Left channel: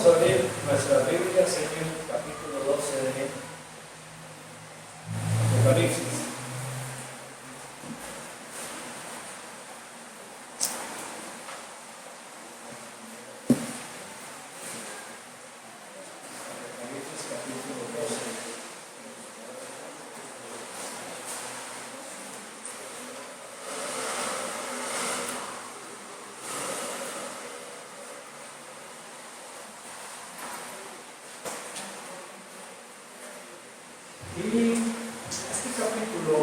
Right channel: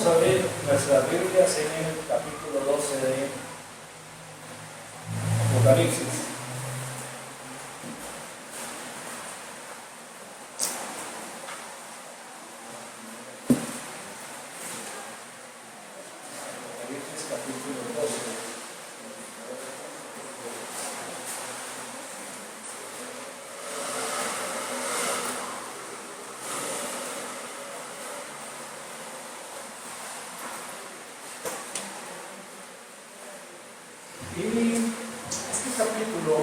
Vamos a abrir nuestras Biblias en el capítulo 12 de Apocalipsis. Apocalipsis capítulo 12. Y este capítulo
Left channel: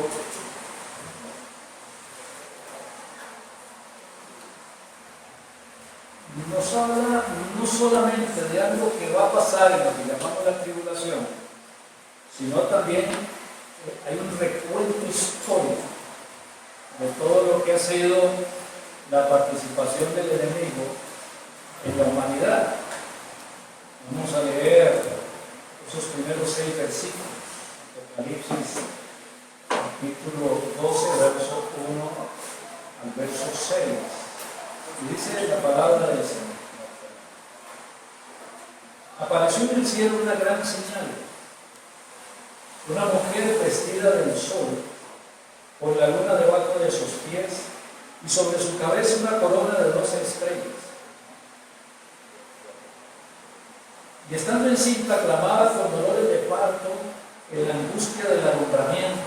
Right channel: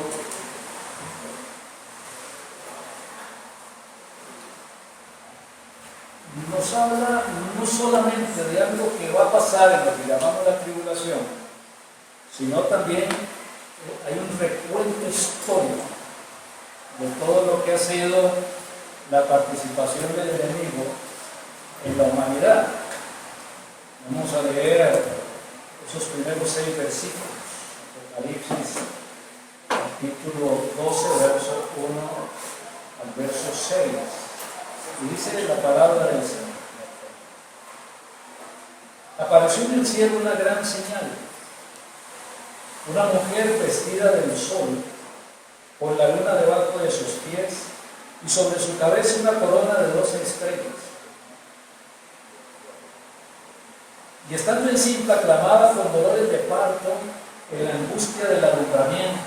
nos habla no solamente de algo que va a pasar en lo que llamamos la tribulación, sino también hay un recuento histórico de todo lo que ha sido la participación del enemigo en la humanidad. Vamos a leer esos primeros 6 versículos. Apocalipsis capítulo 12, verso 1 al verso 6. Y dice la palabra del Señor: apareció en el cielo una gran señal, una mujer vestida del sol, con la luna debajo de sus pies, y sobre su cabeza una corona de 12 estrellas. Y estando encinta, clamaba con dolores de parto en la angustia del alumbramiento.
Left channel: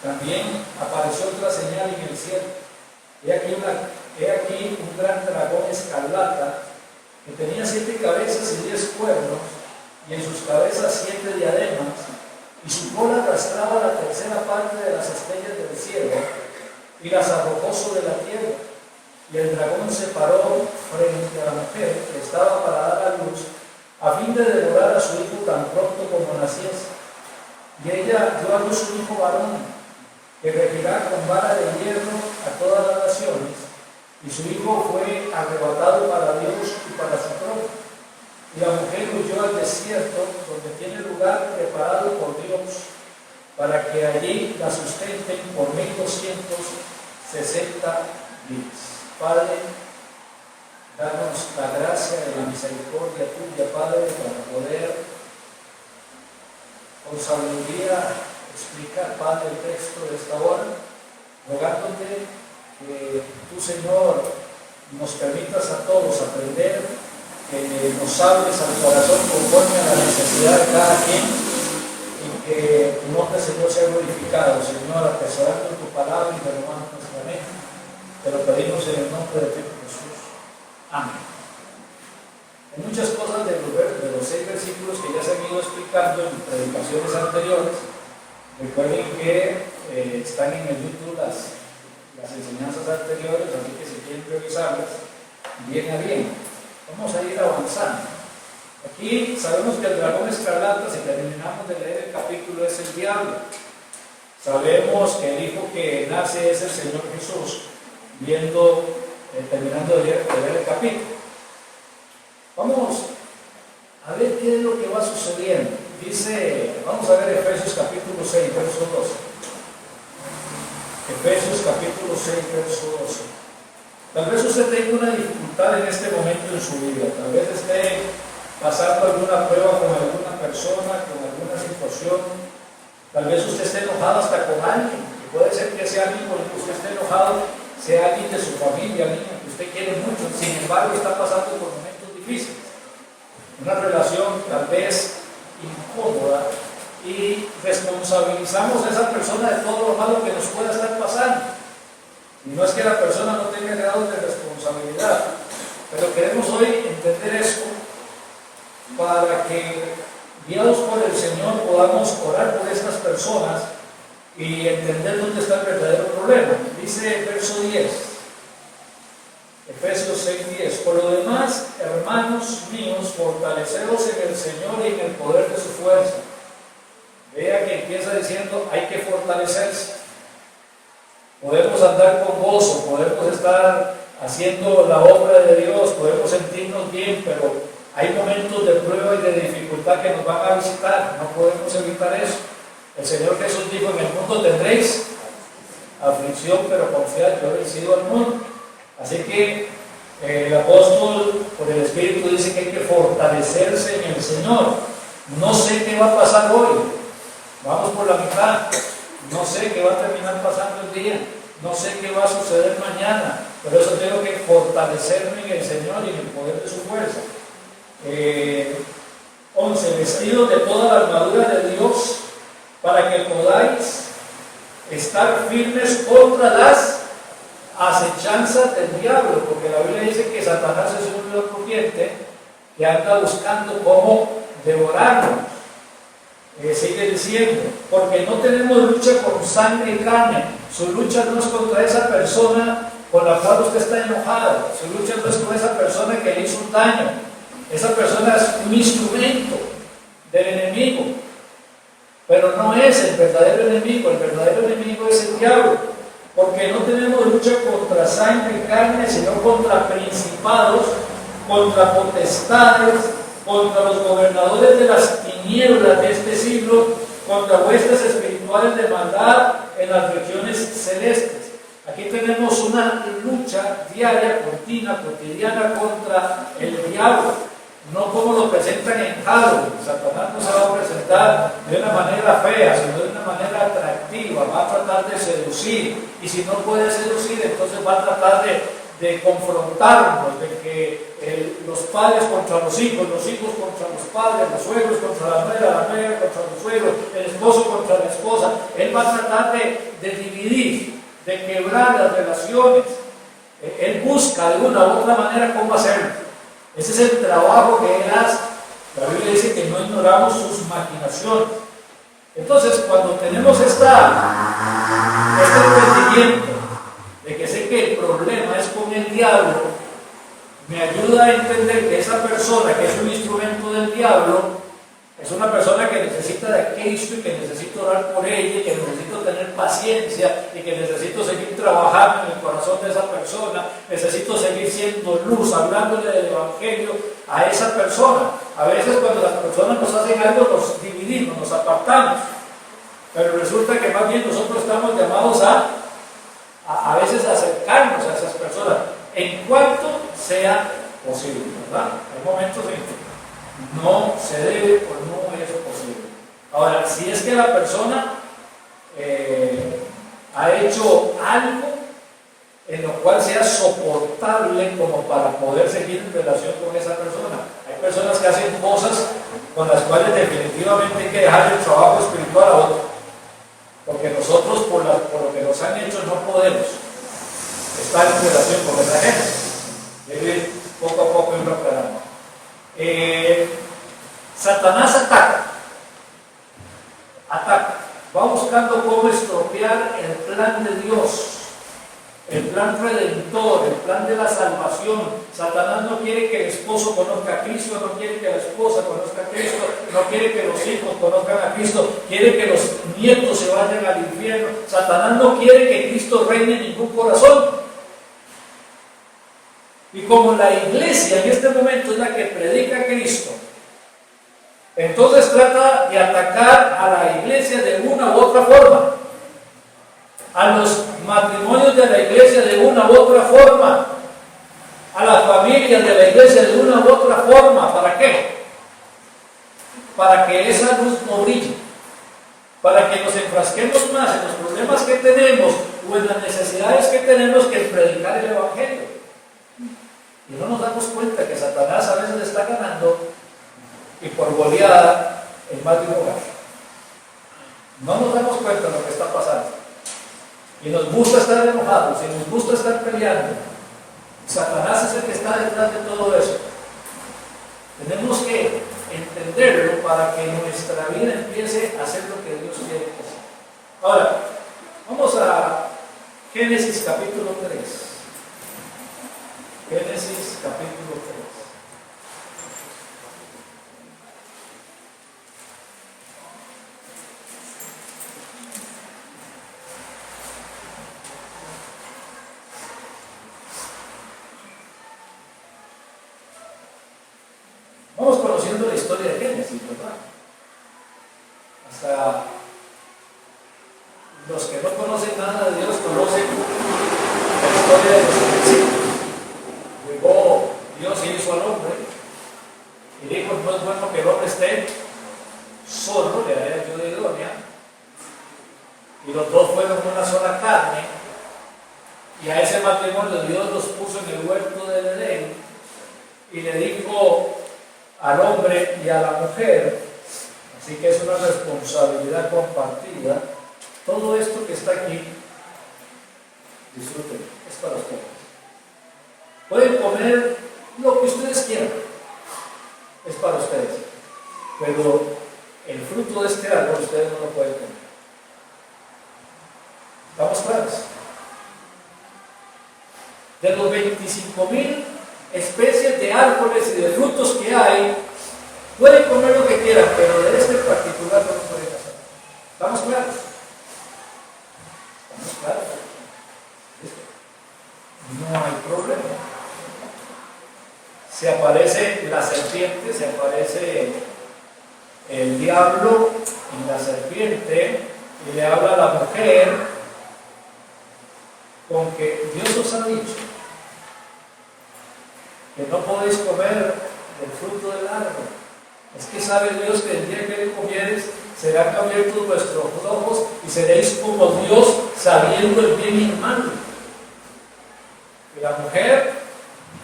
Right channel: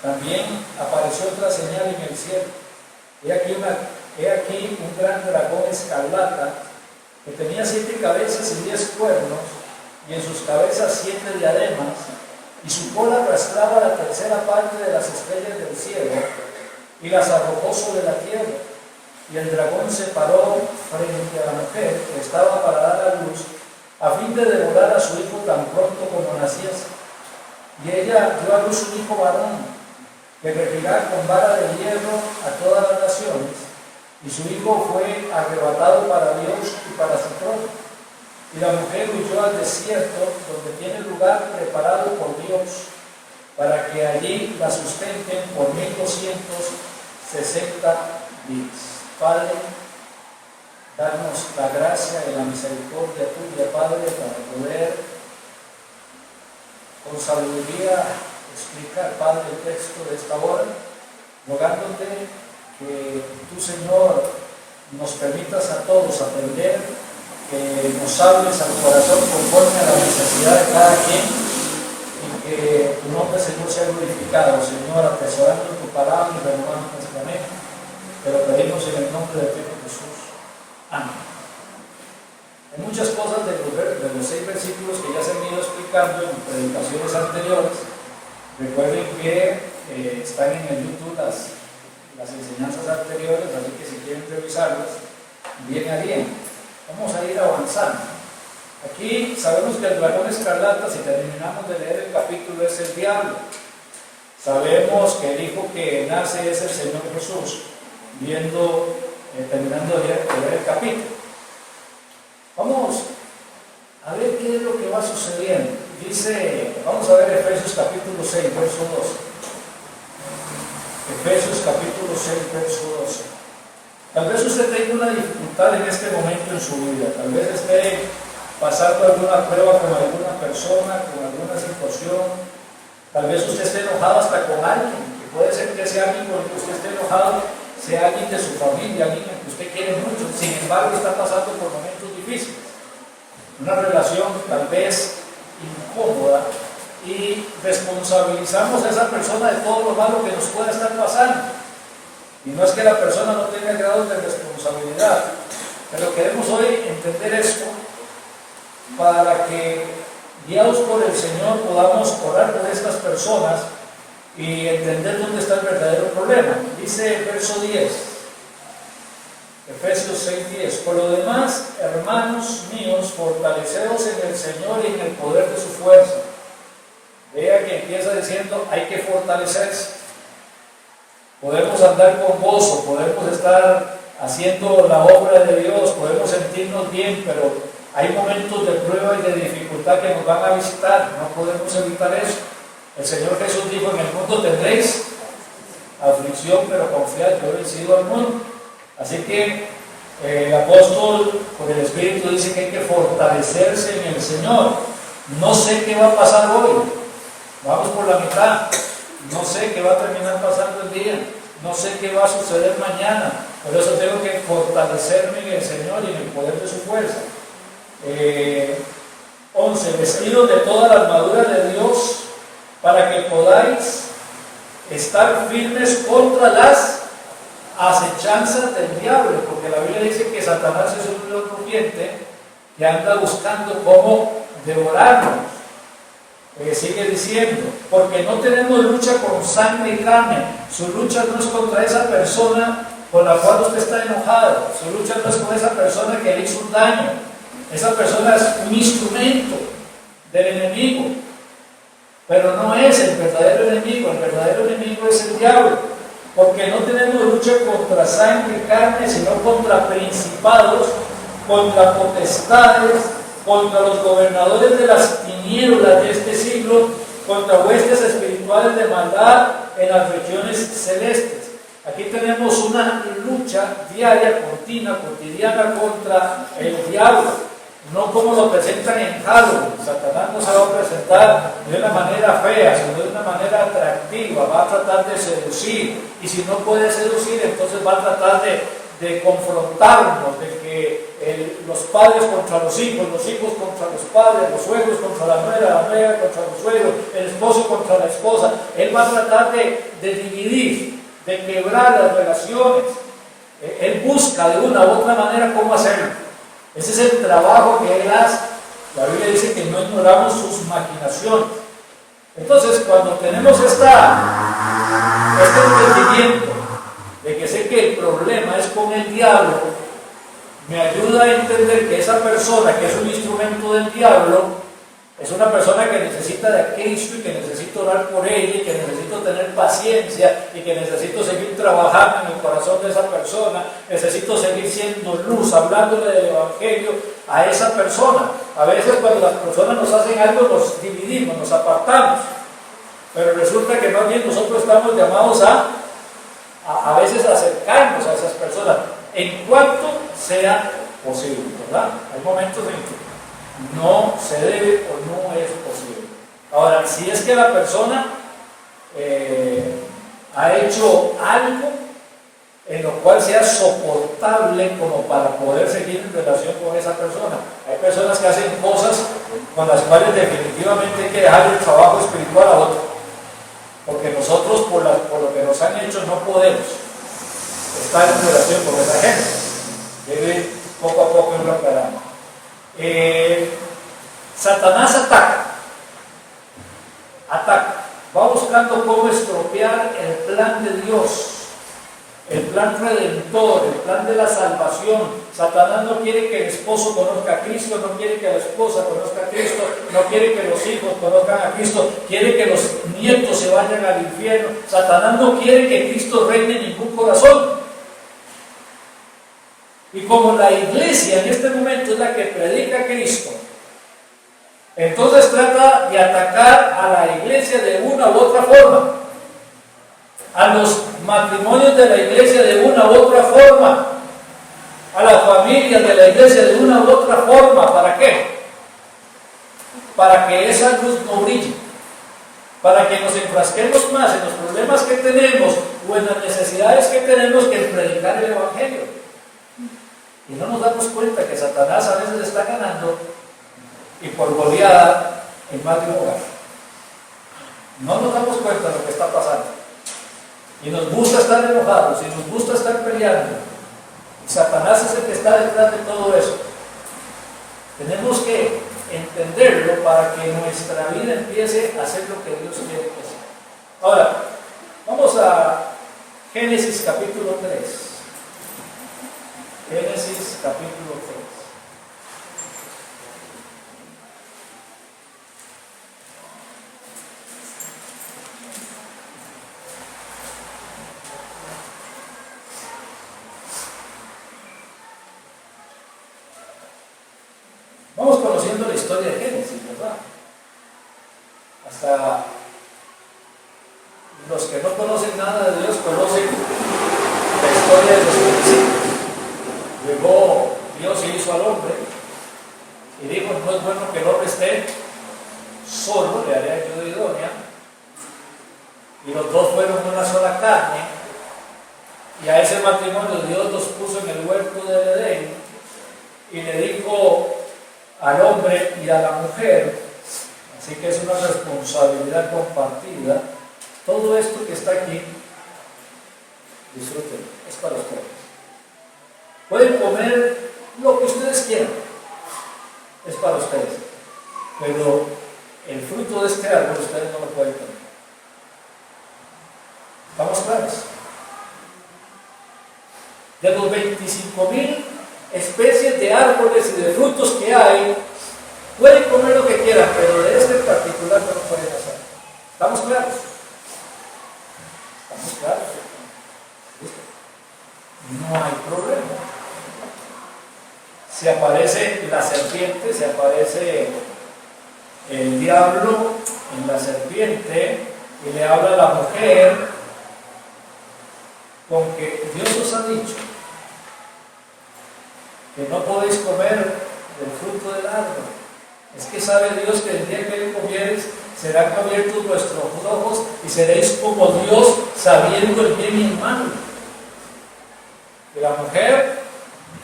También apareció otra señal en el cielo. He aquí un gran dragón escarlata que tenía 7 cabezas y 10 cuernos, y en sus cabezas 7 diademas, y su cola arrastraba la tercera parte de las estrellas del cielo y las arrojó sobre la tierra. Y el dragón se paró frente a la mujer que estaba para dar a luz, a fin de devorar a su hijo tan pronto como naciese. Y ella dio a luz un hijo varón, que regirá con vara de hierro a todas las naciones, y su hijo fue arrebatado para Dios y para su trono. Y la mujer huyó al desierto, donde tiene lugar preparado por Dios, para que allí la sustenten por 1260 días. Padre, danos la gracia y la misericordia tuya, Padre, para poder con sabiduría explicar, Padre, el texto de esta hora, rogándote que tú, Señor, nos permitas a todos aprender, que nos hables al corazón conforme a la necesidad de cada quien, y que tu nombre, Señor, sea glorificado, Señor, atesorando tu palabra y renovando nuestra mente. Te lo pedimos en el nombre de tu Hijo Jesús. Amén. Hay muchas cosas de los 6 versículos que ya se han ido explicando en predicaciones anteriores. Recuerden que están en el YouTube las enseñanzas anteriores, así que si quieren revisarlas, bien a bien. Vamos a ir avanzando. Aquí sabemos que el dragón escarlata, si terminamos de leer el capítulo, es el diablo. Sabemos que el hijo que nace es el Señor Jesús, terminando de leer el capítulo. Vamos a ver qué es lo que va sucediendo. Vamos a ver Efesios capítulo 6, verso 12. Efesios capítulo 6, verso 12. Tal vez usted tenga una dificultad en este momento en su vida. Tal vez esté pasando alguna prueba con alguna persona, con alguna situación. Tal vez usted esté enojado hasta con alguien. Que puede ser que sea alguien con el que usted esté enojado, sea alguien de su familia, alguien que usted quiere mucho. Sin embargo, está pasando por momentos difíciles. Una relación tal vez incómoda, y responsabilizamos a esa persona de todo lo malo que nos pueda estar pasando. Y no es que la persona no tenga grado de responsabilidad, pero queremos hoy entender esto para que, guiados por el Señor, podamos orar por estas personas y entender dónde está el verdadero problema. Dice el verso 10, Efesios 6:10: por lo demás, hermanos míos, fortaleceos en el Señor y en el poder de su fuerza. Vea que empieza diciendo, hay que fortalecerse. Podemos andar con gozo, podemos estar haciendo la obra de Dios, podemos sentirnos bien, pero hay momentos de prueba y de dificultad que nos van a visitar. No podemos evitar eso. El Señor Jesús dijo, en el mundo tendréis aflicción, pero confiad, yo he vencido al mundo. Así que El apóstol, por el Espíritu, dice que hay que fortalecerse en el Señor. No sé qué va a pasar hoy. Vamos por la mitad. No sé qué va a terminar pasando el día. No sé qué va a suceder mañana. Pero eso tengo que fortalecerme en el Señor y en el poder de su fuerza. 11. Vestidos de toda la armadura de Dios para que podáis estar firmes contra las acechanzas del diablo, porque la Biblia dice que Satanás es un león rugiente que anda buscando cómo devorarnos. Sigue diciendo, porque no tenemos lucha con sangre y carne. Su lucha no es contra esa persona con la cual usted está enojado. Su lucha no es con esa persona que le hizo un daño. Esa persona es un instrumento del enemigo, pero no es el verdadero enemigo. El verdadero enemigo es el diablo, porque no tenemos lucha contra sangre y carne, sino contra principados, contra potestades, contra los gobernadores de las tinieblas de este siglo, contra huestes espirituales de maldad en las regiones celestes. Aquí tenemos una lucha diaria, cotidiana contra el diablo. No como lo presentan en Halloween. Satanás no se va a presentar de una manera fea, sino de una manera atractiva. Va a tratar de seducir, y si no puede seducir, entonces va a tratar de confrontarnos, de que los padres contra los hijos contra los padres, los suegros contra la nuera contra los suegros, el esposo contra la esposa. Él va a tratar de dividir, de quebrar las relaciones. Él busca de una u otra manera cómo hacerlo. Ese es el trabajo que él hace. La Biblia dice que no ignoramos sus maquinaciones. Entonces, cuando tenemos este entendimiento de que sé que el problema es con el diablo, me ayuda a entender que esa persona que es un instrumento del diablo es una persona que necesita de Cristo, y que necesito orar por ella, y que necesito tener paciencia, y que necesito seguir trabajando en el corazón de esa persona. Necesito seguir siendo luz, hablándole del Evangelio a esa persona. A veces cuando las personas nos hacen algo, nos dividimos, nos apartamos, pero resulta que más bien nosotros estamos llamados a veces a acercarnos a esas personas en cuanto sea posible, ¿verdad? Hay momentos en que no se debe o no es posible. Ahora, si es que la persona ha hecho algo en lo cual sea soportable como para poder seguir en relación con esa persona. Hay personas que hacen cosas con las cuales definitivamente hay que dejar el trabajo espiritual a otro, porque nosotros por lo que nos han hecho no podemos estar en relación con esa gente. Debe poco a poco irlo aclarando. Satanás ataca, va buscando cómo estropear el plan de Dios, el plan redentor, el plan de la salvación. Satanás no quiere que el esposo conozca a Cristo, no quiere que la esposa conozca a Cristo, no quiere que los hijos conozcan a Cristo, quiere que los nietos se vayan al infierno. Satanás no quiere que Cristo reine en ningún corazón. Y como la iglesia en este momento es la que predica a Cristo, entonces trata de atacar a la iglesia de una u otra forma, a los matrimonios de la iglesia de una u otra forma, a las familias de la iglesia de una u otra forma. ¿Para qué? Para que esa luz no brille, para que nos enfrasquemos más en los problemas que tenemos o en las necesidades que tenemos que en predicar el Evangelio. Y no nos damos cuenta que Satanás a veces está ganando, y por goleada, en más de un hogar. No nos damos cuenta de lo que está pasando. Y nos gusta estar enojados, y nos gusta estar peleando. Satanás es el que está detrás de todo eso. Tenemos que entenderlo para que nuestra vida empiece a hacer lo que Dios quiere que sea. Ahora, vamos a Génesis capítulo 3. Génesis capítulo 3. Vamos conociendo la historia de Génesis, ¿verdad? Hasta los que no conocen nada de Dios conocen la historia de los principios. Llegó y los dos fueron una sola carne, y a ese matrimonio Dios los puso en el huerto del Edén y le dijo al hombre y a la mujer, así que es una responsabilidad compartida. Todo esto que está aquí, disfruten, es para ustedes. Pueden comer lo que ustedes quieran, es para ustedes, pero el fruto de este árbol ustedes no lo pueden comer. ¿Estamos claros? De los 25,000 especies de árboles y de frutos que hay, pueden comer lo que quieran, pero de este en particular no lo pueden hacer. ¿Estamos claros? ¿Estamos claros? ¿Listo? No hay problema. Se aparece la serpiente, se aparece el diablo en la serpiente y le habla a la mujer con que Dios os ha dicho que no podéis comer del fruto del árbol. Es que sabe Dios que el día que le comieres serán abiertos vuestros ojos y seréis como Dios, sabiendo el bien y el mal. Y la mujer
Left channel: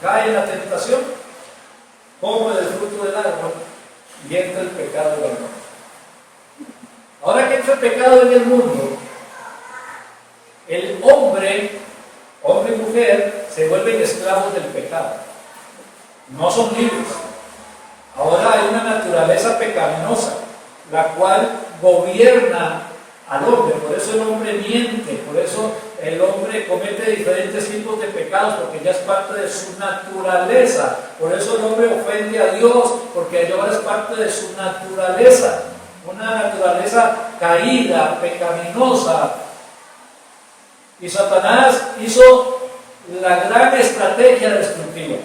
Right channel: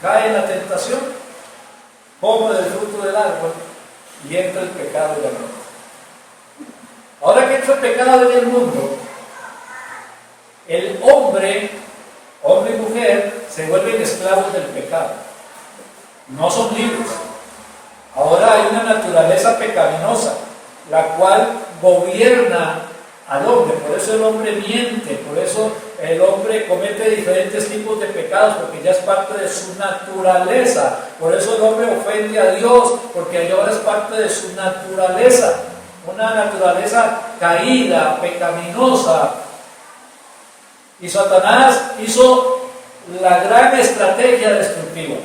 cae en la tentación, come del fruto del árbol y entra el pecado en el mundo. Ahora que entra el pecado en el mundo, el hombre y mujer se vuelven esclavos del pecado. No son libres. Ahora hay una naturaleza pecaminosa, la cual gobierna al hombre. Por eso el hombre miente, por eso el hombre comete diferentes tipos de pecados, porque ya es parte de su naturaleza. Por eso el hombre ofende a Dios, porque ahora es parte de su naturaleza. Una naturaleza caída, pecaminosa. Y Satanás hizo la gran estrategia destructiva.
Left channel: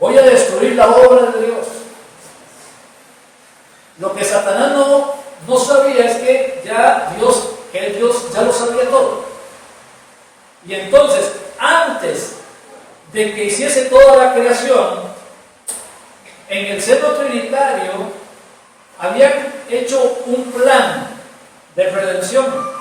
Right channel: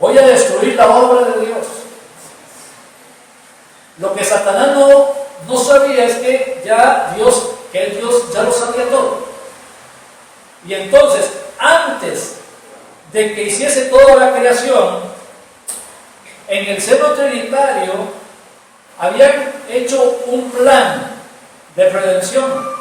Voy a destruir la obra de Dios. Lo que Satanás no sabía es que Dios ya lo sabía todo. Y entonces, antes de que hiciese toda la creación, en el seno trinitario habían hecho un plan de redención.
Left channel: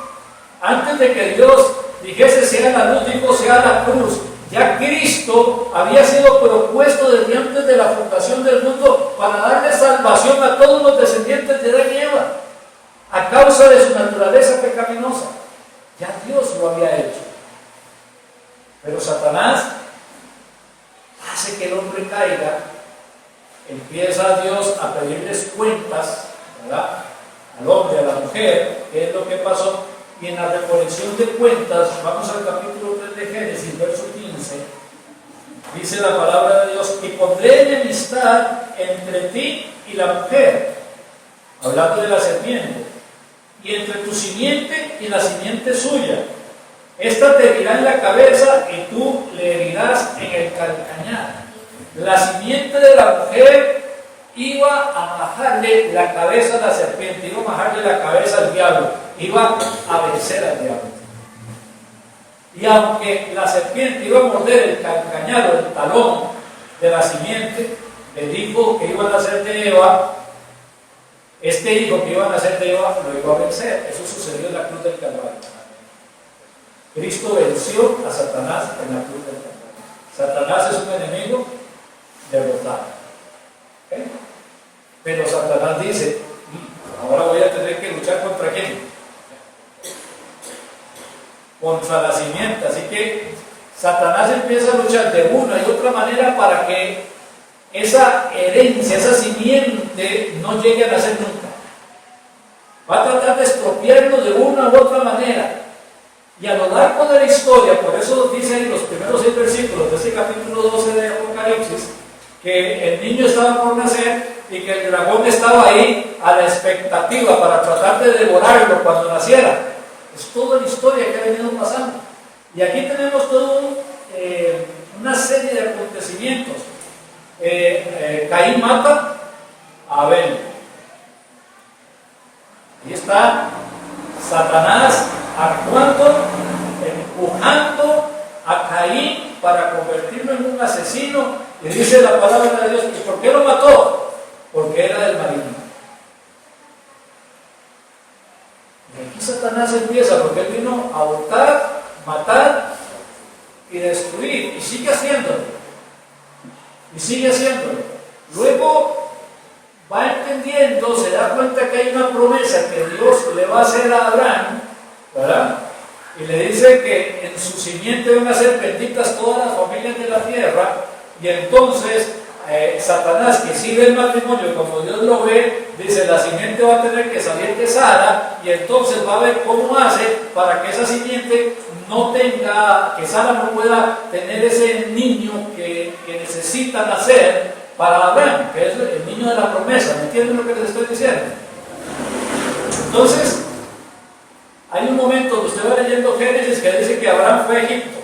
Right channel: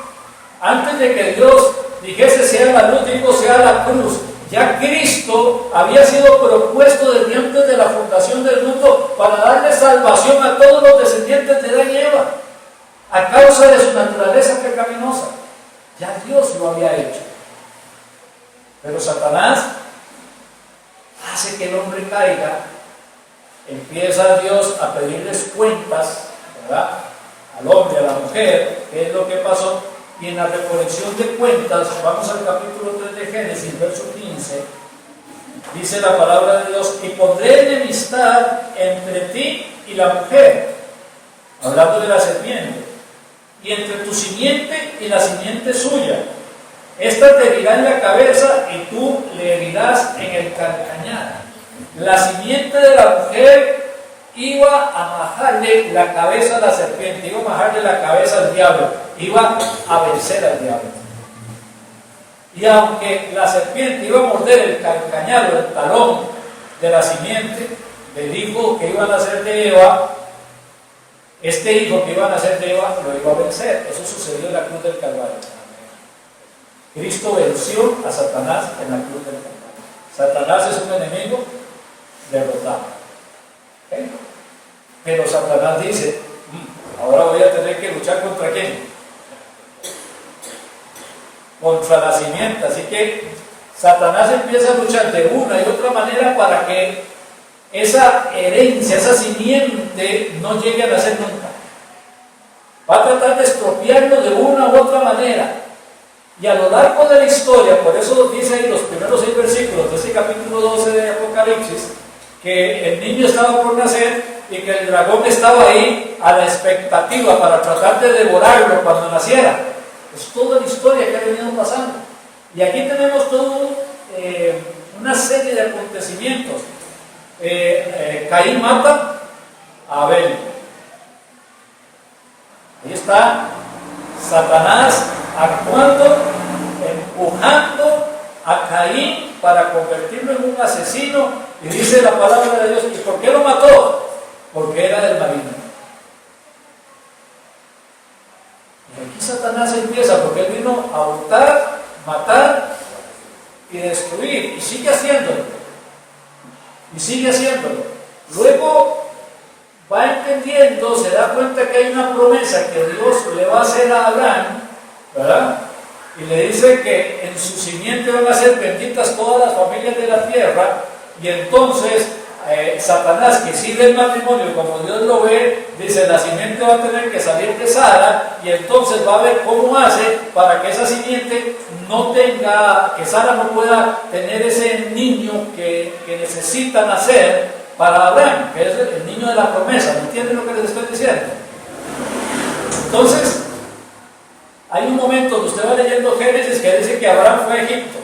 Antes de que Dios dijese sea la luz, dijo sea la cruz. Ya Cristo había sido propuesto desde antes de la fundación del mundo para darle salvación a todos los descendientes de Adán y Eva, a causa de su naturaleza pecaminosa. Ya Dios lo había hecho. Pero Satanás hace que el hombre caiga, empieza Dios a pedirles cuentas, ¿verdad?, al hombre, a la mujer, qué es lo que pasó. Y en la recolección de cuentas, vamos al capítulo 3 de Génesis, verso 15, dice la palabra de Dios: y pondré enemistad entre ti y la mujer, hablando de la serpiente, y entre tu simiente y la simiente suya. Esta te herirá en la cabeza y tú le herirás en el calcañar. La simiente de la mujer iba a majarle la cabeza a la serpiente, iba a majarle la cabeza al diablo, iba a vencer al diablo. Y aunque la serpiente iba a morder el calcañar o el talón de la simiente del hijo que iban a nacer de Eva, este hijo que iba a nacer de Eva lo iba a vencer. Eso sucedió en la cruz del Calvario. Cristo venció a Satanás en la cruz del Calvario. Satanás es un enemigo derrotado. ¿Okay? Pero Satanás dice: ahora voy a tener que luchar ¿contra quién? Contra la simiente. Así que Satanás empieza a luchar de una y otra manera para que esa herencia, esa simiente no llegue a nacer nunca. Va a tratar de expropiarlo de una u otra manera. Y a lo largo de la historia, por eso dice ahí los primeros 6 versículos de este capítulo 12 de Apocalipsis, que el niño estaba por nacer y que el dragón estaba ahí a la expectativa para tratar de devorarlo cuando naciera. Es toda la historia que ha venido pasando. Y aquí tenemos todo una serie de acontecimientos. Caín mata a Abel. Ahí está Satanás actuando, empujando a Caín para convertirlo en un asesino. Y dice la palabra de Dios: ¿y por qué lo mató? Porque era del maligno. Y aquí Satanás empieza, porque él vino a hurtar, matar y destruir, y sigue haciéndolo. Y sigue haciéndolo. Luego va entendiendo, se da cuenta que hay una promesa que Dios le va a hacer a Abraham, ¿verdad? Y le dice que en su simiente van a ser benditas todas las familias de la tierra, y entonces Satanás, que sigue el matrimonio como Dios lo ve, dice: la simiente va a tener que salir de Sara, y entonces va a ver cómo hace para que esa simiente no tenga, que Sara no pueda tener ese niño que necesita nacer para Abraham, que es el niño de la promesa. ¿Me entienden lo que les estoy diciendo? Entonces, hay un momento donde usted va leyendo Génesis que dice que Abraham fue a Egipto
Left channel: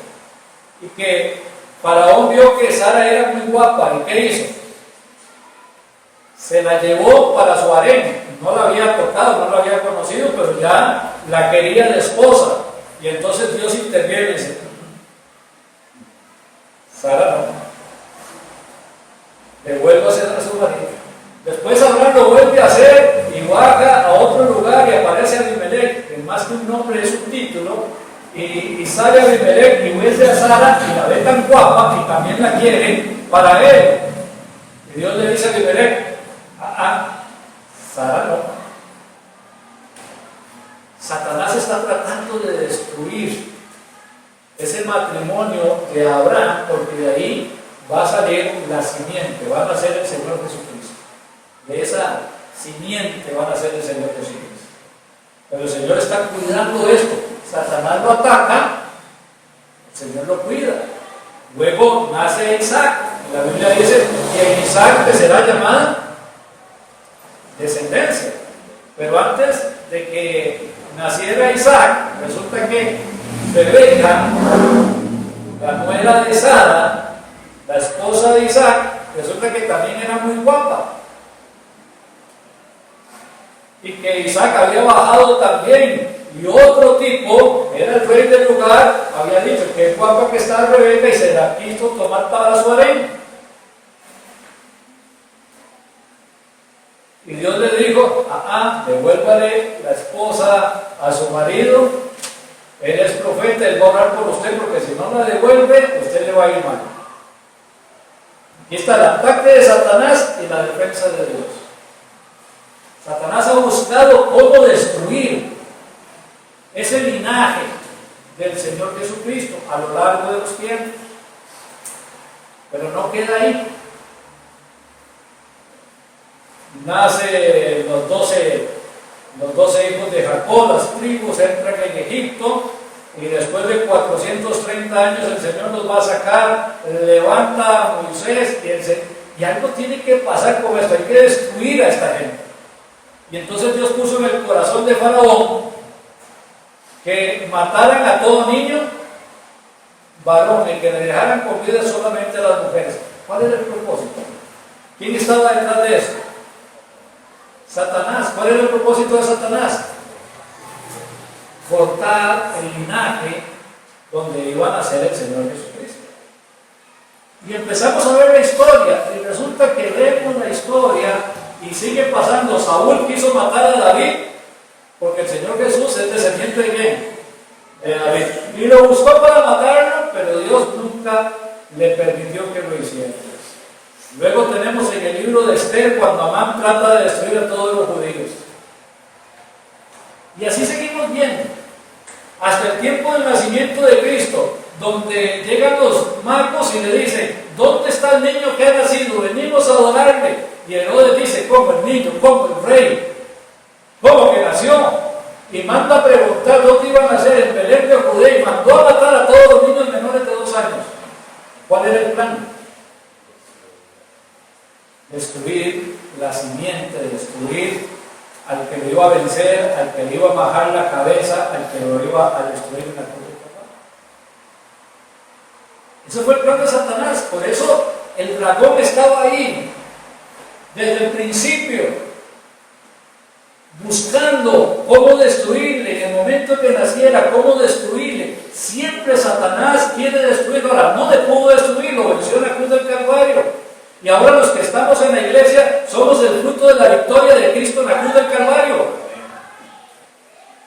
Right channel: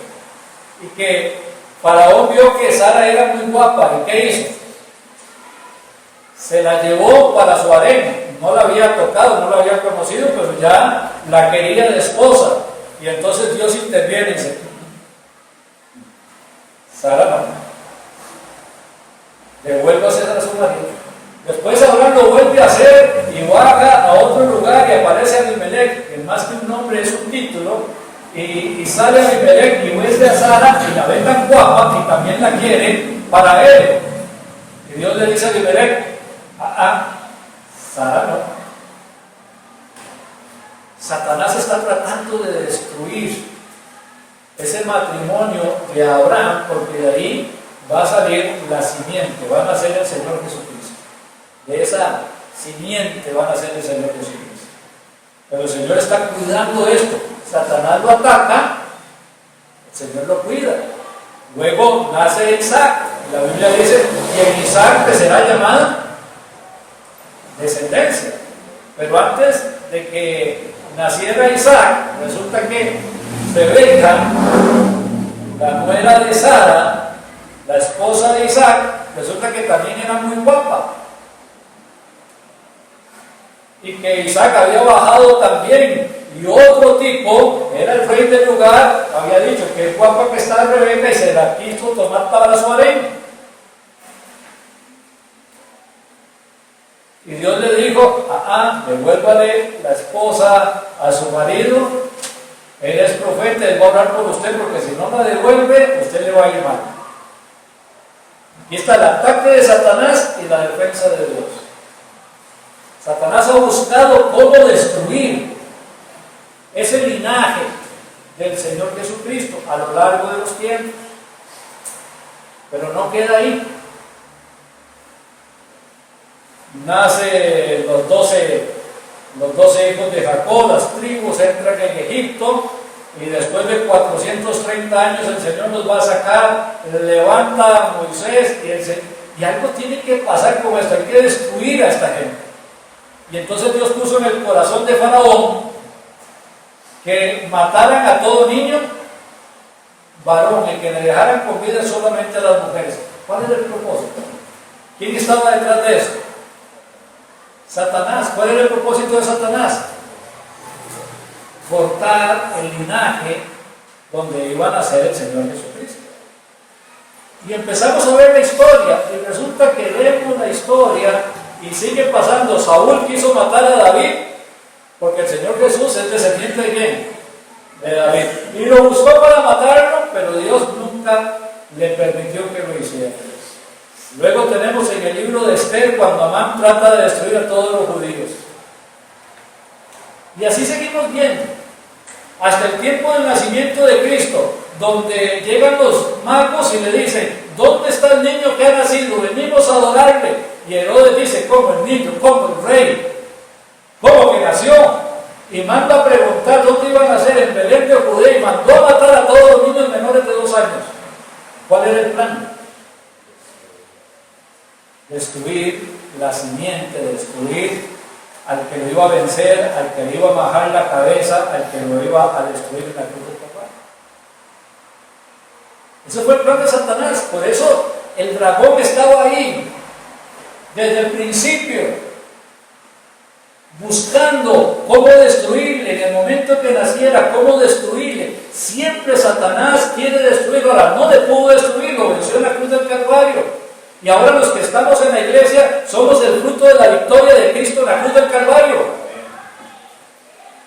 y que Faraón vio que Sara era muy guapa. ¿Y qué hizo? Se la llevó para su harén. No la había tocado, no la había conocido, pero ya la quería de esposa. Y entonces Dios interviene y dice: Sara no, devuélvase a su marido. Después Abraham lo vuelve a hacer y baja a otro lugar y aparece Abimelech, que más que un nombre es un título. Y sale Abimelech y vuelve a Sara y la ve tan guapa y también la quiere para él. Y Dios le dice a Abimelech: Sara no. Satanás está tratando de destruir ese matrimonio de Abraham, porque de ahí va a salir la simiente, van a ser el Señor Jesucristo. De esa simiente van a ser el Señor Jesucristo. Pero el Señor está cuidando esto. Satanás lo ataca, el Señor lo cuida. Luego nace Isaac. La Biblia dice que en Isaac te será llamada descendencia. Pero antes de que naciera Isaac, resulta que Rebeca, la nuera de Sara, la esposa de Isaac, resulta que también era muy guapa. Y que Isaac había bajado también, y otro tipo, era el rey del lugar, había dicho: qué guapa que está Rebeca, y se la quiso tomar para su harén. Y Dios le dijo: devuélvale la esposa a su marido, él es profeta, él va a orar por usted, porque si no la devuelve, usted le va a ir mal. Aquí está el ataque de Satanás y la defensa de Dios. Satanás ha buscado cómo destruir ese linaje del Señor Jesucristo a lo largo de los tiempos. Pero no queda ahí. Nace los 12 hijos de Jacob, las tribus entran en Egipto, y después de 430 años el Señor los va a sacar, levanta a Moisés, y algo tiene que pasar con esto, hay que destruir a esta gente. Y entonces Dios puso en el corazón de Faraón que mataran a todo niño varón y que le dejaran con vida solamente a las mujeres. ¿Cuál era el propósito? ¿Quién estaba detrás de eso? Satanás. ¿Cuál era el propósito de Satanás? Cortar el linaje donde iban a ser el Señor Jesucristo. Y empezamos a ver la historia, y resulta que vemos la historia y sigue pasando. Saúl quiso matar a David, porque el Señor Jesús es descendiente de ¿quién? De David. Y lo buscó para matarlo, pero Dios nunca le permitió que lo hiciera. Luego tenemos en el libro de Esther, cuando Amán trata de destruir a todos los judíos. Y así seguimos viendo, hasta el tiempo del nacimiento de Cristo, donde llegan los magos y le dicen: ¿dónde está el niño que ha nacido? Venimos a adorarle. Y Herodes dice: ¿cómo el niño? ¿Cómo el rey? ¿Cómo que nació? Y manda a preguntar dónde iban a nacer, en Belén de Judea, y mandó a matar a todos los niños menores de 2 años. ¿Cuál era el plan? Destruir la simiente, destruir al que lo iba a vencer, al que le iba a bajar la cabeza, al que lo iba a destruir en la cruz del Calvario. Ese fue el plan de Satanás. Por eso el dragón estaba ahí desde el principio, buscando cómo destruirle. En el momento que naciera, cómo destruirle. Siempre Satanás quiere destruirlo. Ahora, no le pudo destruir, lo venció en la cruz del Calvario. Y ahora los que estamos en la iglesia somos el fruto de la victoria de Cristo en la cruz del Calvario.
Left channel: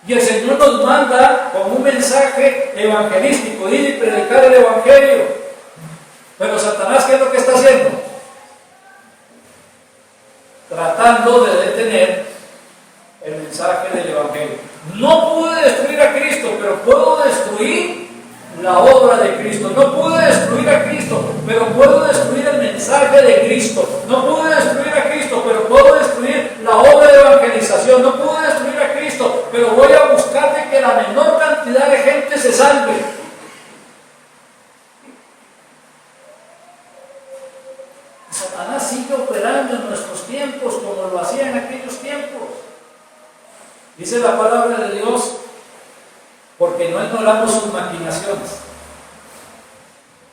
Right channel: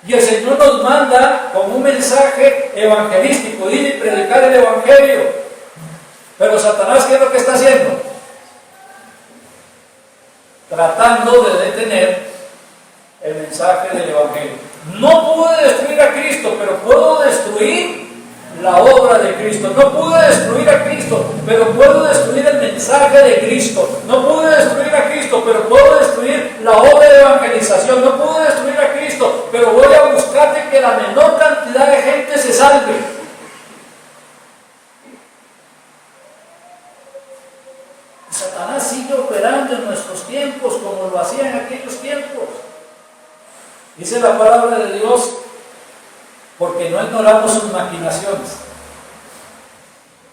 Y el Señor nos manda con un mensaje evangelístico, ir y predicar el Evangelio. Pero Satanás, ¿qué es lo que está haciendo? Tratando de detener el mensaje del Evangelio. No pude destruir a Cristo, pero puedo destruir la obra de Cristo. No pude destruir a Cristo, pero puedo destruir el mensaje de Cristo. No pude destruir a Cristo, pero puedo destruir la obra de evangelización. No pude destruir a Cristo, pero voy a buscar de que la menor cantidad de gente se salve. Satanás sigue operando en nuestros tiempos como lo hacía en aquellos tiempos. Dice la palabra de Dios, porque no ignoramos sus maquinaciones.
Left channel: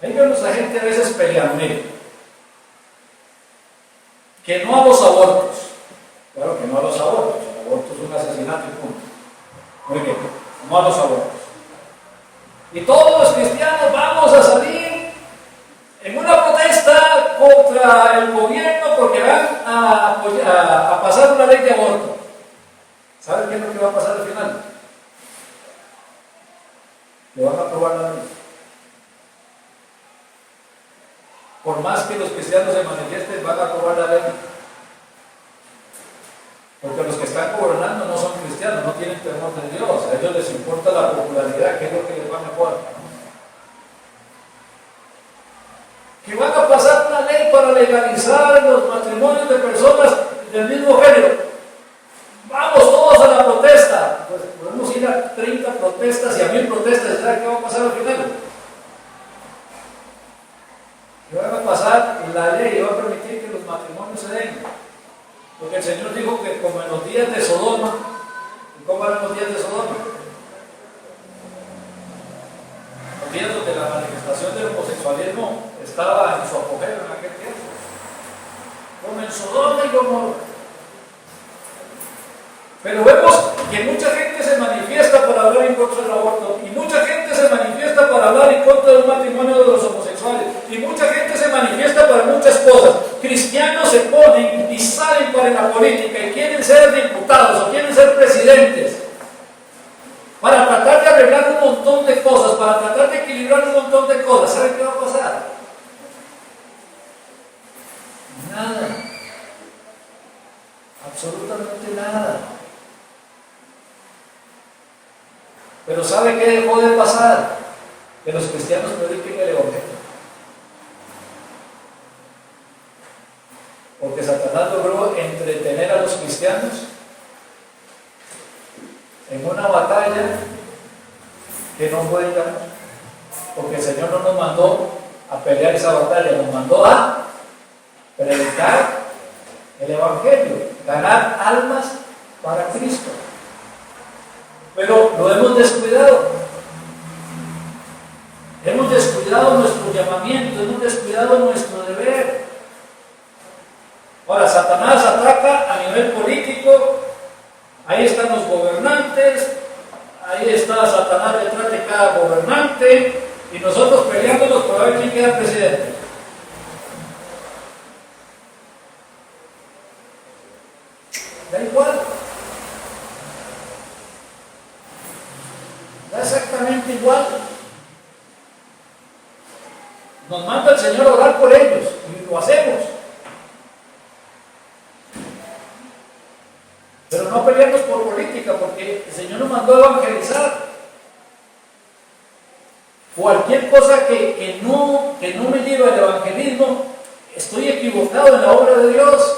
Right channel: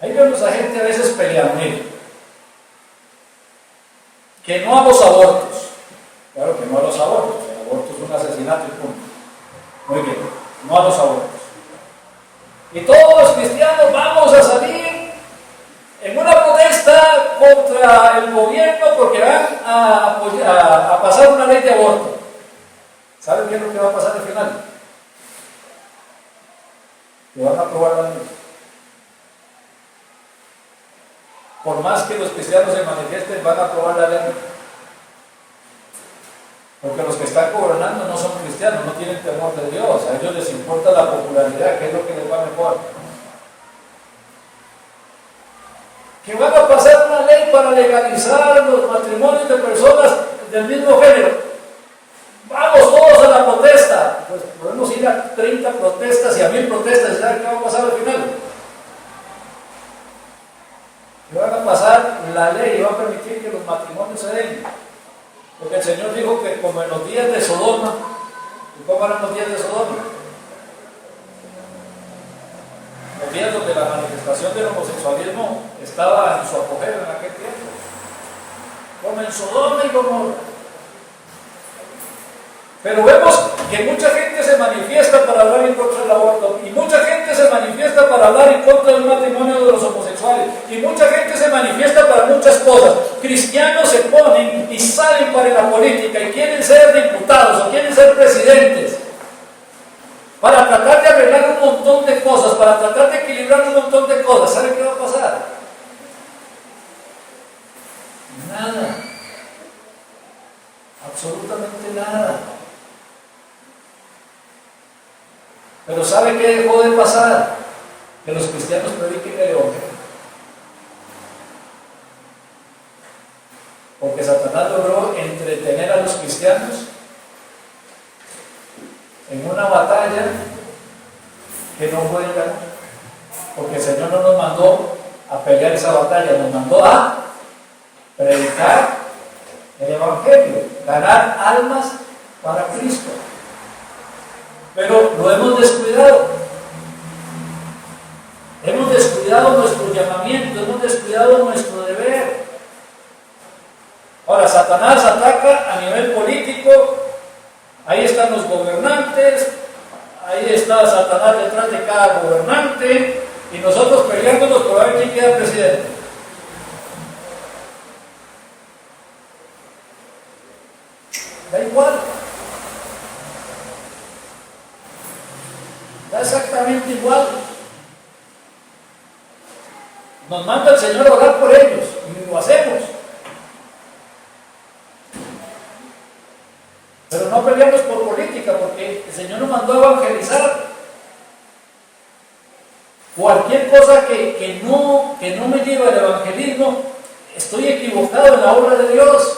Ahí vemos a gente a veces peleando, que no a los abortos. Claro que no a los abortos. El aborto es un asesinato y punto. Muy bien, no a los abortos. Y todos los cristianos vamos a salir en una protesta contra el gobierno porque van a pasar una ley de aborto. ¿Saben qué es lo que va a pasar al final? Que van a aprobar la ley. Por más que los cristianos se manifiesten, van a aprobar la ley. Porque los que están gobernando no son cristianos, no tienen temor de Dios. A ellos les importa la popularidad, que es lo que les va mejor. Que van a pasar una ley para legalizar los matrimonios de personas del mismo género. Vamos todos a la protesta. Pues podemos ir a 30 protestas y a 1000 protestas y saber qué va a pasar al final. Que van a pasar la ley y va a permitir que los matrimonios se den. Porque el Señor dijo que como en los días de Sodoma. ¿Y cómo eran los días de Sodoma? Los días donde la manifestación del homosexualismo estaba en su apogeo en aquel tiempo. Como en Sodoma y Gomorra. Pero vemos que mucha gente se manifiesta para hablar en contra del aborto, y mucha gente se manifiesta para hablar en contra del matrimonio de los homosexuales, y mucha gente se manifiesta para muchas cosas. Cristianos se ponen y salen para la política y quieren ser diputados o quieren ser presidentes para tratar de arreglar un montón de cosas, para tratar de equilibrar un montón de cosas. ¿Saben qué va a pasar? Nada. Absolutamente nada. Pero ¿sabe qué dejó de pasar? Que los cristianos prediquen el Evangelio. Porque Satanás logró entretener a los cristianos en una batalla que no pueden ganar. Porque el Señor no nos mandó a pelear esa batalla, nos mandó a predicar el Evangelio, ganar almas para Cristo. Pero lo hemos descuidado. Hemos descuidado nuestro llamamiento, hemos descuidado nuestro deber. Ahora, Satanás ataca a nivel político. Ahí están los gobernantes, ahí está Satanás detrás de cada gobernante, y nosotros peleándonos por ver quién queda presidente. Da igual. Da exactamente igual. Nos manda el Señor a orar por ellos y lo hacemos. Pero no pelearnos por política, porque el Señor nos mandó a evangelizar. Cualquier cosa que no me lleve al evangelismo, estoy equivocado en la obra de Dios.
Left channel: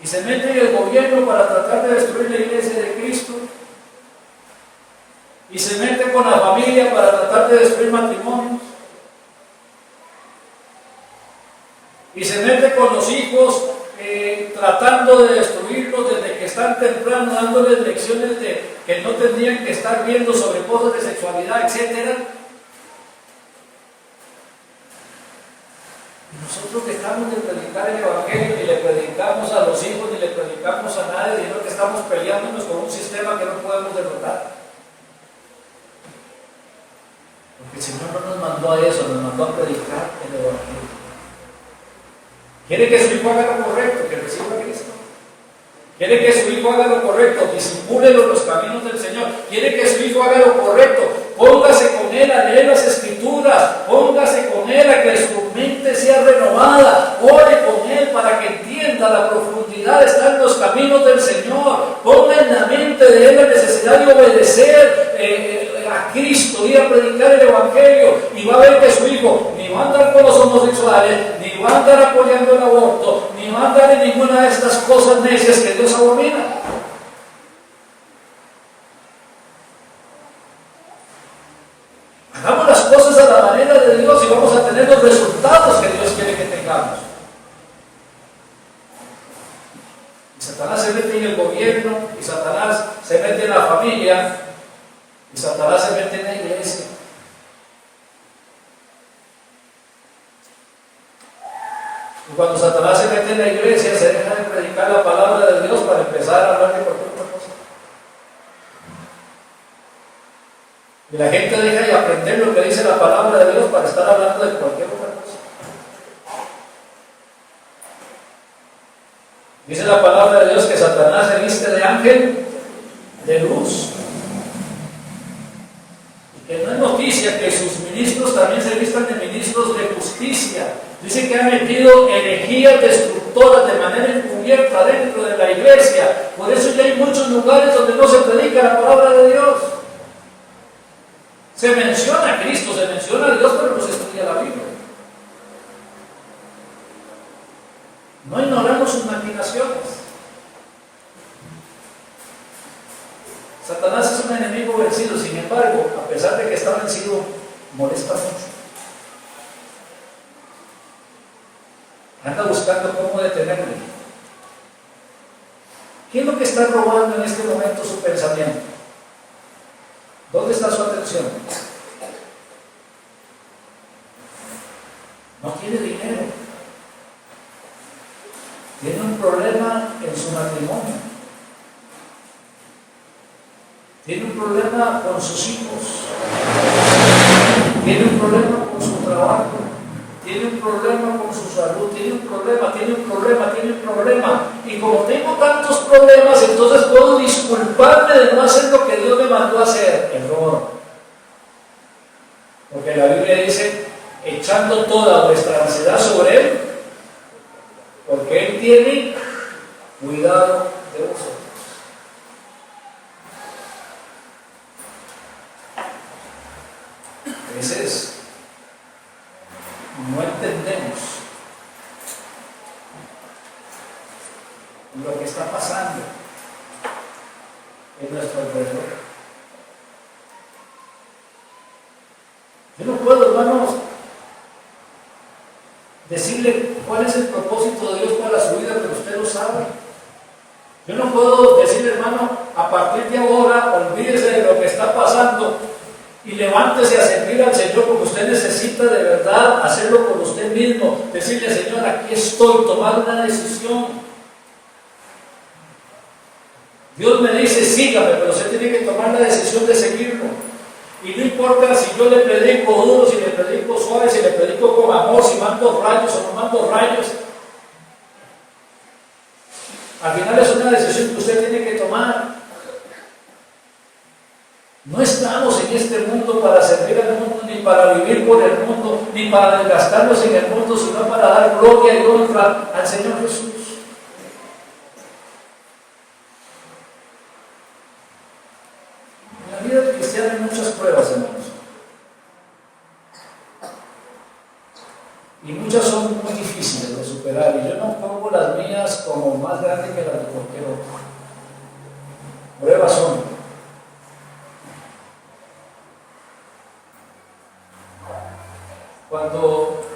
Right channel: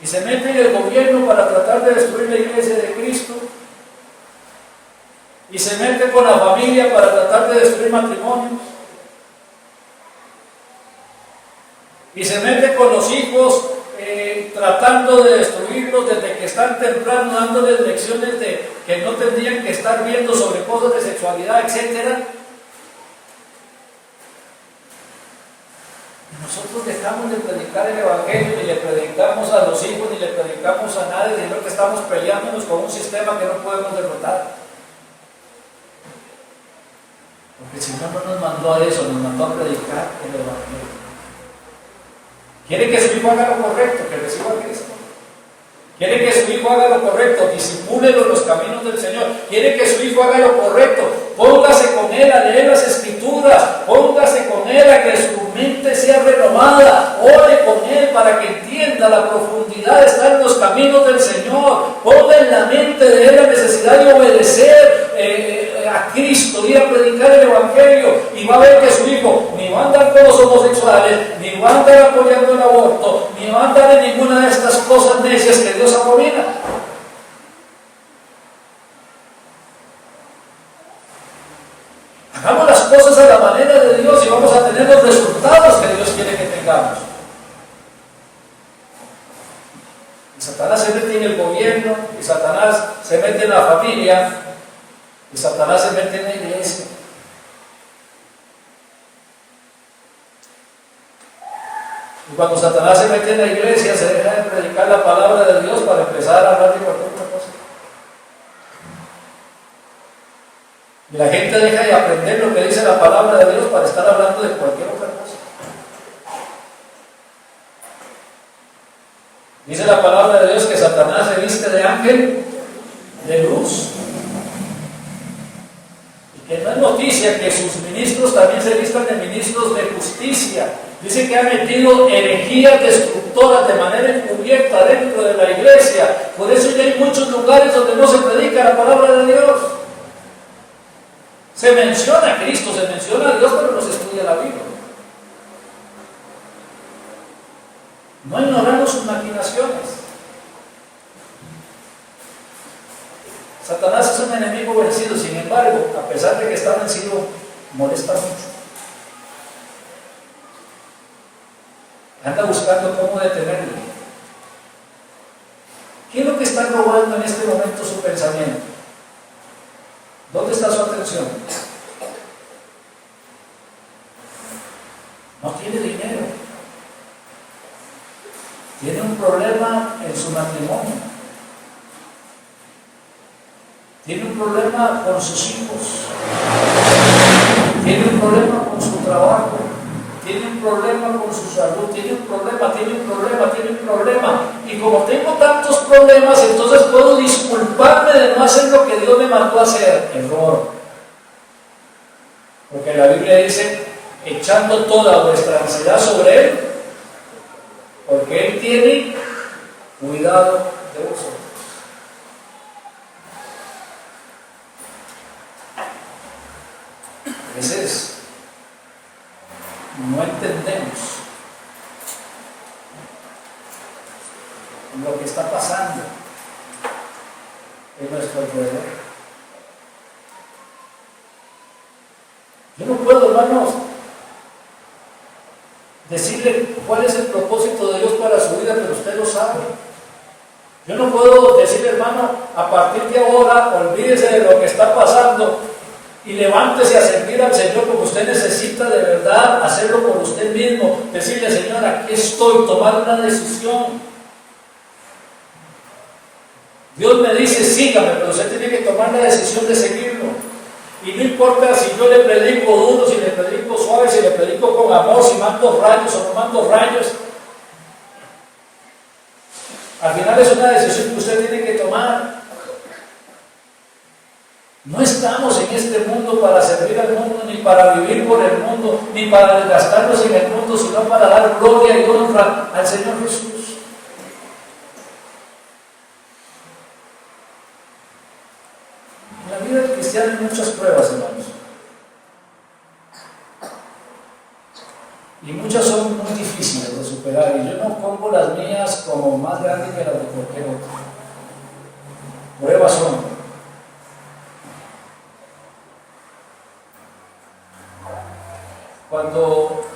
Y se mete en el gobierno para tratar de destruir la iglesia de Cristo. Y se mete con la familia para tratar de destruir matrimonios. Y se mete con los hijos tratando de destruirlos desde que están temprano, dándoles lecciones de que no tendrían que estar viendo sobre cosas de sexualidad, etc. Nosotros dejamos de predicar el Evangelio, ni le predicamos a los hijos, ni le predicamos a nadie, sino que estamos peleándonos con un sistema que no podemos derrotar. Porque el Señor no nos mandó a eso, nos mandó a predicar el Evangelio. Quiere que su hijo haga lo correcto, que reciba a Cristo. Quiere que su hijo haga lo correcto, disipúlelo en los caminos del Señor. Quiere que su hijo haga lo correcto, póngase con él a leer las Escrituras, póngase con él a que su mente sea renovada, ore con él para que entienda la profundidad de estar en los caminos del Señor. Ponga en la mente de él la necesidad de obedecer a Cristo, ir a predicar el Evangelio, y va a ver que su hijo ni va a andar con los homosexuales, ni va a andar apoyando el aborto, ni va a andar en ninguna de estas cosas necias que Dios abomina. Hagamos las cosas a la manera de Dios y vamos a tener los resultados que Dios quiere que tengamos. Y Satanás se mete en el gobierno, y Satanás se mete en la familia, y Satanás se mete en la iglesia. Y cuando Satanás se mete en la iglesia, se deja de predicar la palabra de Dios para empezar a hablar de cualquier otra cosa. Y la gente deja de aprender lo que dice la palabra de Dios para estar hablando de cualquier otra cosa. Dice la palabra de Dios que Satanás se viste de ángel de luz. Y que no es noticia que sus ministros también se vistan de ministros de justicia. Dice que ha metido herejías destructoras de manera encubierta dentro de la iglesia. Por eso ya hay muchos lugares donde no se predica la palabra de Dios. Se menciona a Cristo, se menciona a Dios, pero no se estudia la Biblia. No ignoramos sus maquinaciones. Satanás es un enemigo vencido, sin embargo, a pesar de que está vencido, molesta mucho. Anda buscando cómo detenerlo. ¿Qué es lo que está robando en este momento su pensamiento? ¿Dónde está su atención? No tiene dinero. Tiene un problema en su matrimonio. Tiene un problema con sus hijos. Tiene un problema con su trabajo. Tiene un problema con su salud. Tiene un problema. Y como tengo tantos problemas, entonces puedo disculparme de no hacer lo que Dios me mandó a hacer. Error. Porque la Biblia dice, echando toda vuestra ansiedad sobre Él, porque Él tiene cuidado de vosotros. A veces no entendemos lo que está pasando en nuestro alrededor. Yo no puedo, hermanos, decirle cuál es el propósito de Dios para su vida, pero usted lo sabe. Yo no puedo decirle, hermano, a partir de ahora, olvídese de lo que está pasando y levántese a servir al Señor, porque usted necesita de verdad hacerlo por usted mismo. Decirle, Señor, aquí estoy, tomar una decisión. Dios me dice, sígame, pero usted tiene que tomar la decisión de seguirlo. Y no importa si yo le predico duro, si le predico suave, si le predico con amor, si mando rayos o no mando rayos. Al final es una decisión que usted tiene que tomar. No estamos en este mundo para servir al mundo, ni para vivir por el mundo, ni para desgastarnos en el mundo, sino para dar gloria y honra al Señor Jesús. En la vida del cristiano hay muchas pruebas, hermanos. Y muchas son muy difíciles de superar. Y yo no pongo las mías como más grandes que las de cualquier otro. Pruebas son. Cuando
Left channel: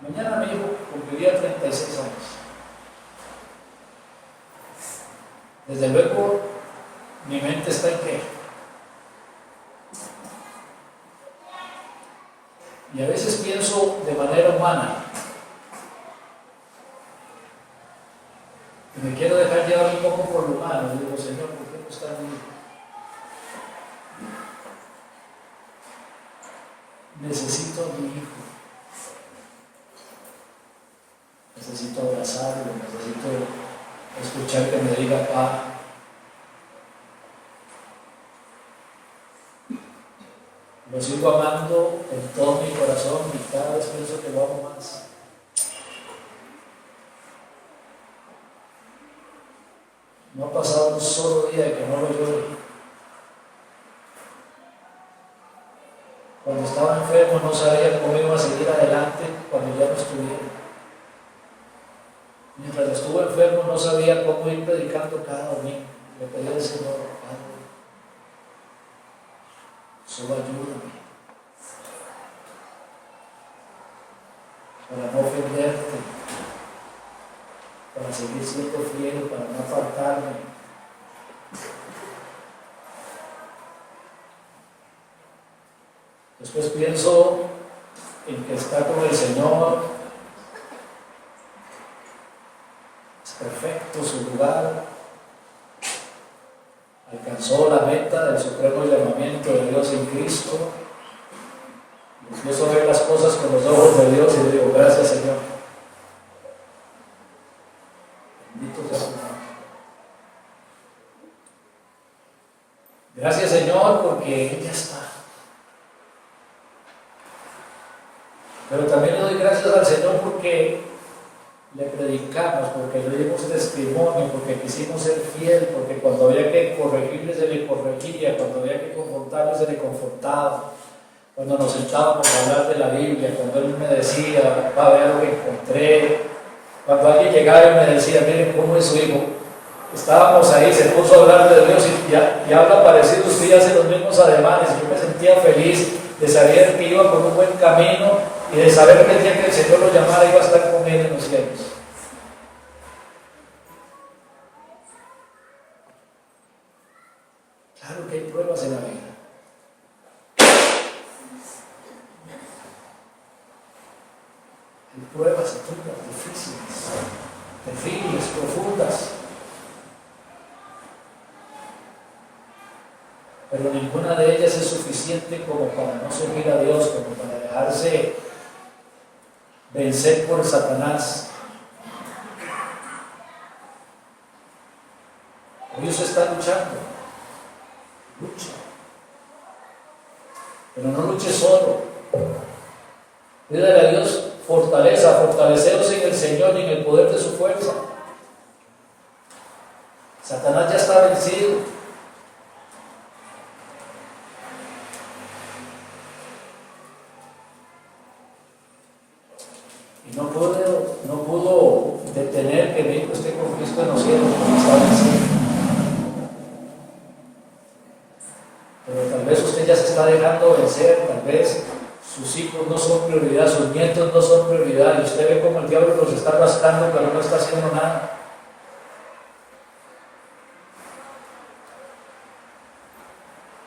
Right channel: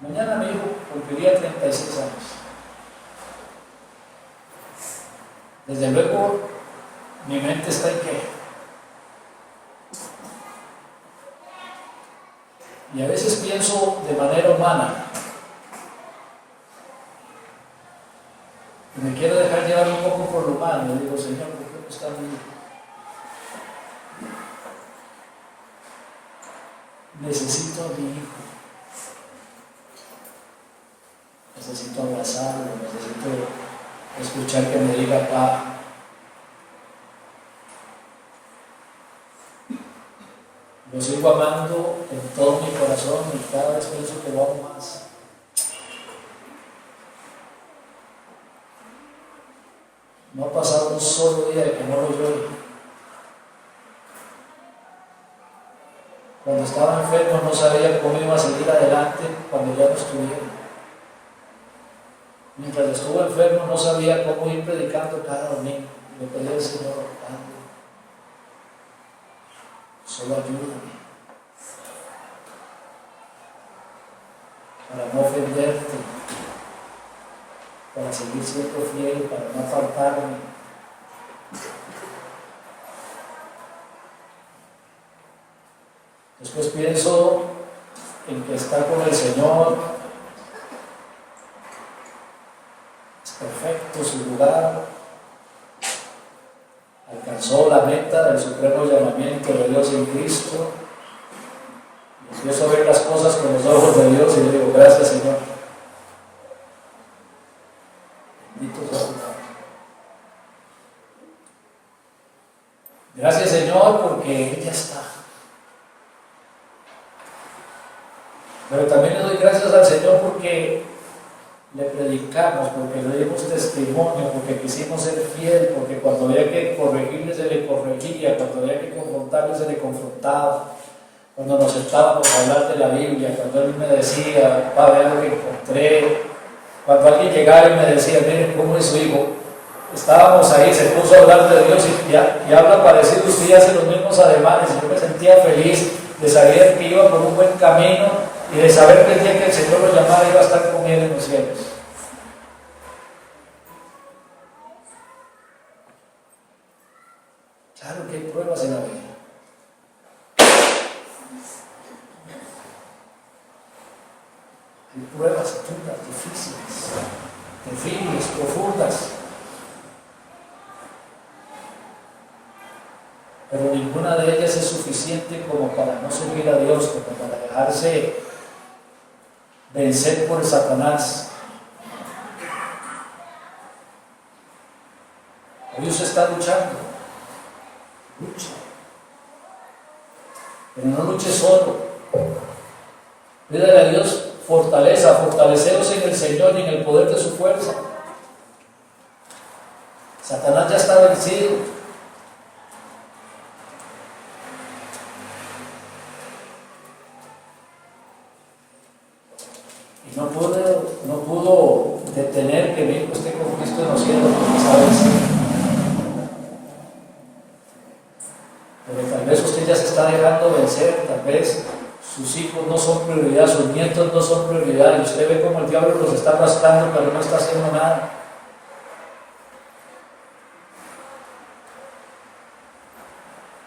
mañana mi hijo cumpliría 36 años, desde luego mi mente está en qué. Y a veces pienso de manera humana. Y me quiero dejar llevar un poco por lo humano. Y digo, Señor, ¿por qué no está mi hijo? Necesito a mi hijo. Necesito abrazarlo, necesito escuchar que me diga, pa, lo sigo amando con todo mi corazón y cada vez pienso que lo amo más. No ha pasado un solo día de que no lo veo. Cuando estaba enfermo no sabía cómo iba a seguir adelante cuando ya no estuviera. Mientras estuve enfermo no sabía cómo ir predicando cada domingo. Le pedí al Señor, Padre, solo ayúdame para no ofenderte, para seguir siendo fiel, para no apartarme. Después pienso en que está con el Señor, es perfecto su lugar, alcanzó la meta del supremo llamamiento de Dios en Cristo. Empiezo a ver las cosas con los ojos de Dios y le digo, gracias Señor. Bendito sea tu nombre. Gracias Señor porque Él ya está. Pero también le doy gracias al Señor porque le predicamos, porque le dimos testimonio, porque quisimos ser fiel, porque cuando había que corregirle se le corregía, cuando había que confrontarle se le confrontaba, cuando nos sentábamos a hablar de la Biblia, cuando Él me decía, va a ver lo que encontré, cuando alguien llegara y me decía, miren cómo es su hijo, estábamos ahí, se puso a hablar de Dios y habla parecido usted y hace los mismos ademanes, y yo me sentía feliz de saber que iba por un buen camino y de saber que el día que el Señor lo llamara iba a estar con Él en los cielos. Claro que hay pruebas en la vida. Hay pruebas duras, difíciles, terribles, profundas. Pero ninguna de ellas es suficiente como para no servir a Dios, como para dejarse vencer por Satanás. Hoy usted está luchando, lucha, pero no luche solo. Pídale a Dios fortaleza, fortaleceos en el Señor y en el poder de su fuerza. Satanás ya está vencido. No pudo detener que mi hijo esté con Cristo en los cielos, está vencido. Pero tal vez usted ya se está dejando vencer, tal vez sus hijos no son prioridad, sus nietos no son prioridad, y usted ve como el diablo los está rascando, pero no está haciendo nada.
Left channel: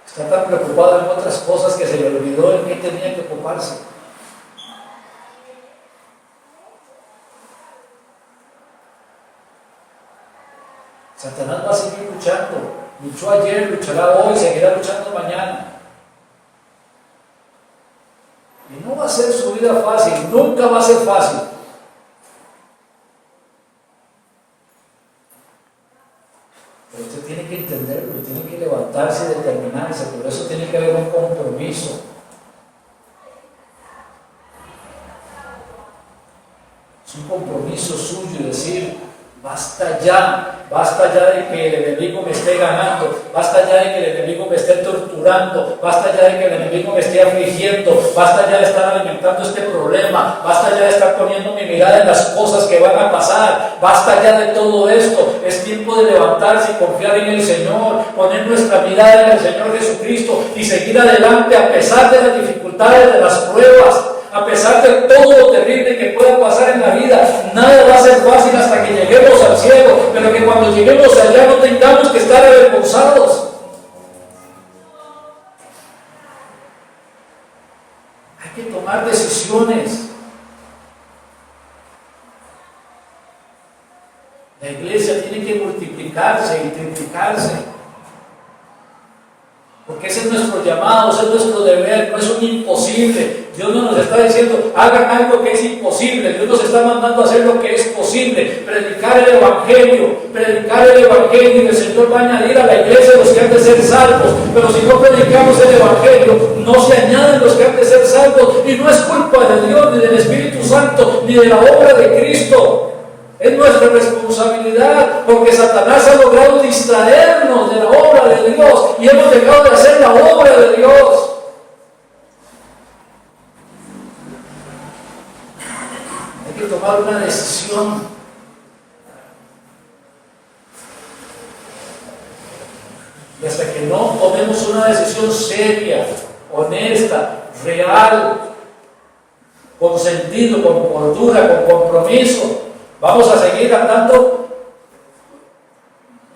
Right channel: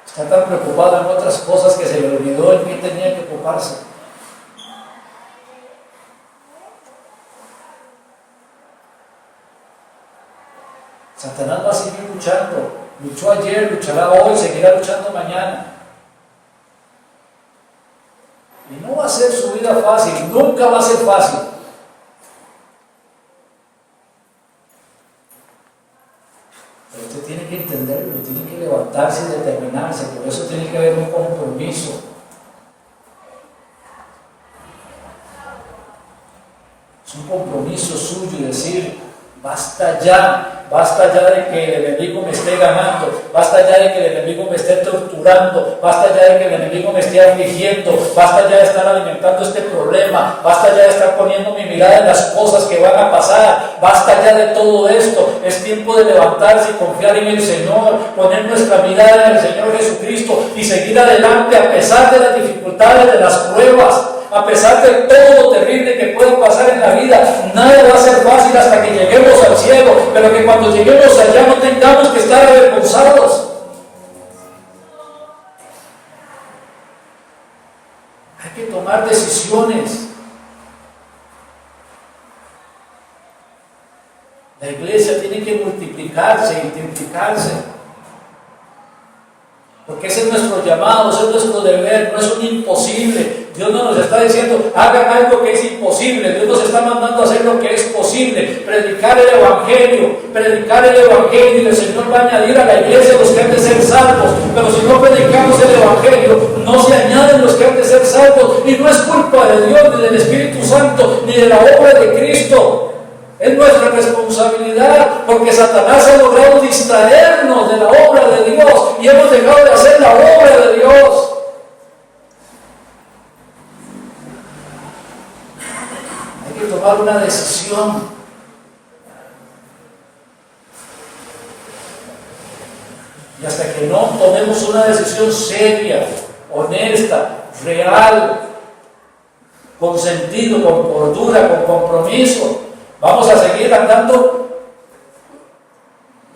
Está tan preocupado en otras cosas que se le olvidó en qué tenía que ocuparse. Satanás va a seguir luchando. Luchó ayer, luchará hoy, seguirá luchando mañana. Y no va a ser su vida fácil, nunca va a ser fácil. Pero usted tiene que entenderlo, tiene que levantarse y determinarse. Por eso tiene que haber un compromiso. Es un compromiso suyo y decir, basta ya de que el enemigo me esté ganando, basta ya de que el enemigo me esté torturando, basta ya de que el enemigo me esté afligiendo, basta ya de estar alimentando este problema, basta ya de estar poniendo mi mirada en las cosas que van a pasar, basta ya de todo esto. Es tiempo de levantarse y confiar en el Señor, poner nuestra mirada en el Señor Jesucristo y seguir adelante a pesar de las dificultades, de las pruebas. A pesar de todo lo terrible que pueda pasar en la vida, nada va a ser fácil hasta que lleguemos al cielo, pero que cuando lleguemos allá no tengamos que estar avergonzados. Hay que tomar decisiones. La iglesia tiene que multiplicarse, intensificarse. Porque ese es nuestro llamado, ese es nuestro deber, no es un imposible. Dios no nos está diciendo, hagan algo que es imposible. Dios nos está mandando a hacer lo que es posible. Predicar el Evangelio y el Señor va a añadir a la iglesia los que han de ser salvos. Pero si no predicamos el Evangelio, no se añaden los que han de ser salvos. Y no es culpa de Dios, ni del Espíritu Santo, ni de la obra de Cristo. Es nuestra responsabilidad, porque Satanás ha logrado distraernos de la obra de Dios y hemos dejado de hacer la obra de Dios. Hay que tomar una decisión. Y hasta que no tomemos una decisión seria, honesta, real, con sentido, con cordura, con compromiso, vamos a seguir andando,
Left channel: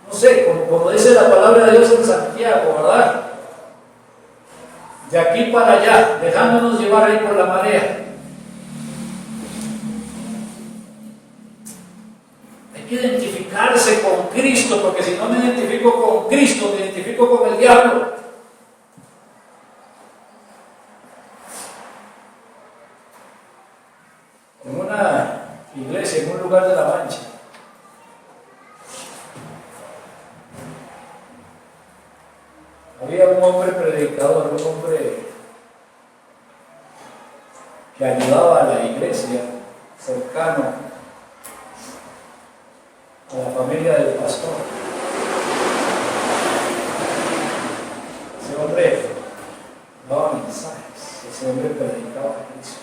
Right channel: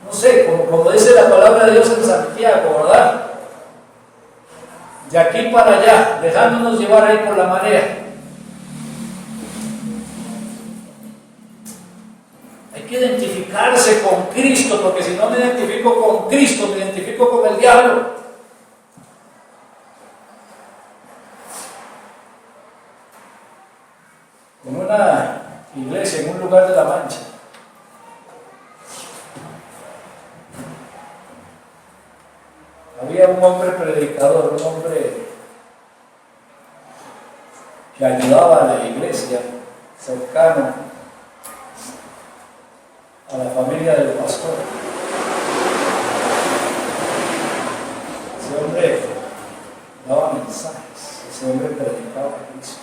no sé, como dice la palabra de Dios en Santiago, ¿verdad? De aquí para allá, dejándonos llevar ahí por la marea. Hay que identificarse con Cristo, porque si no me identifico con Cristo, me identifico con el diablo. En una iglesia, en un lugar de La Mancha, había un hombre predicador, un hombre que ayudaba a la iglesia, cercano a la familia del pastor. Ese hombre daba mensajes, ese hombre predicaba a Cristo.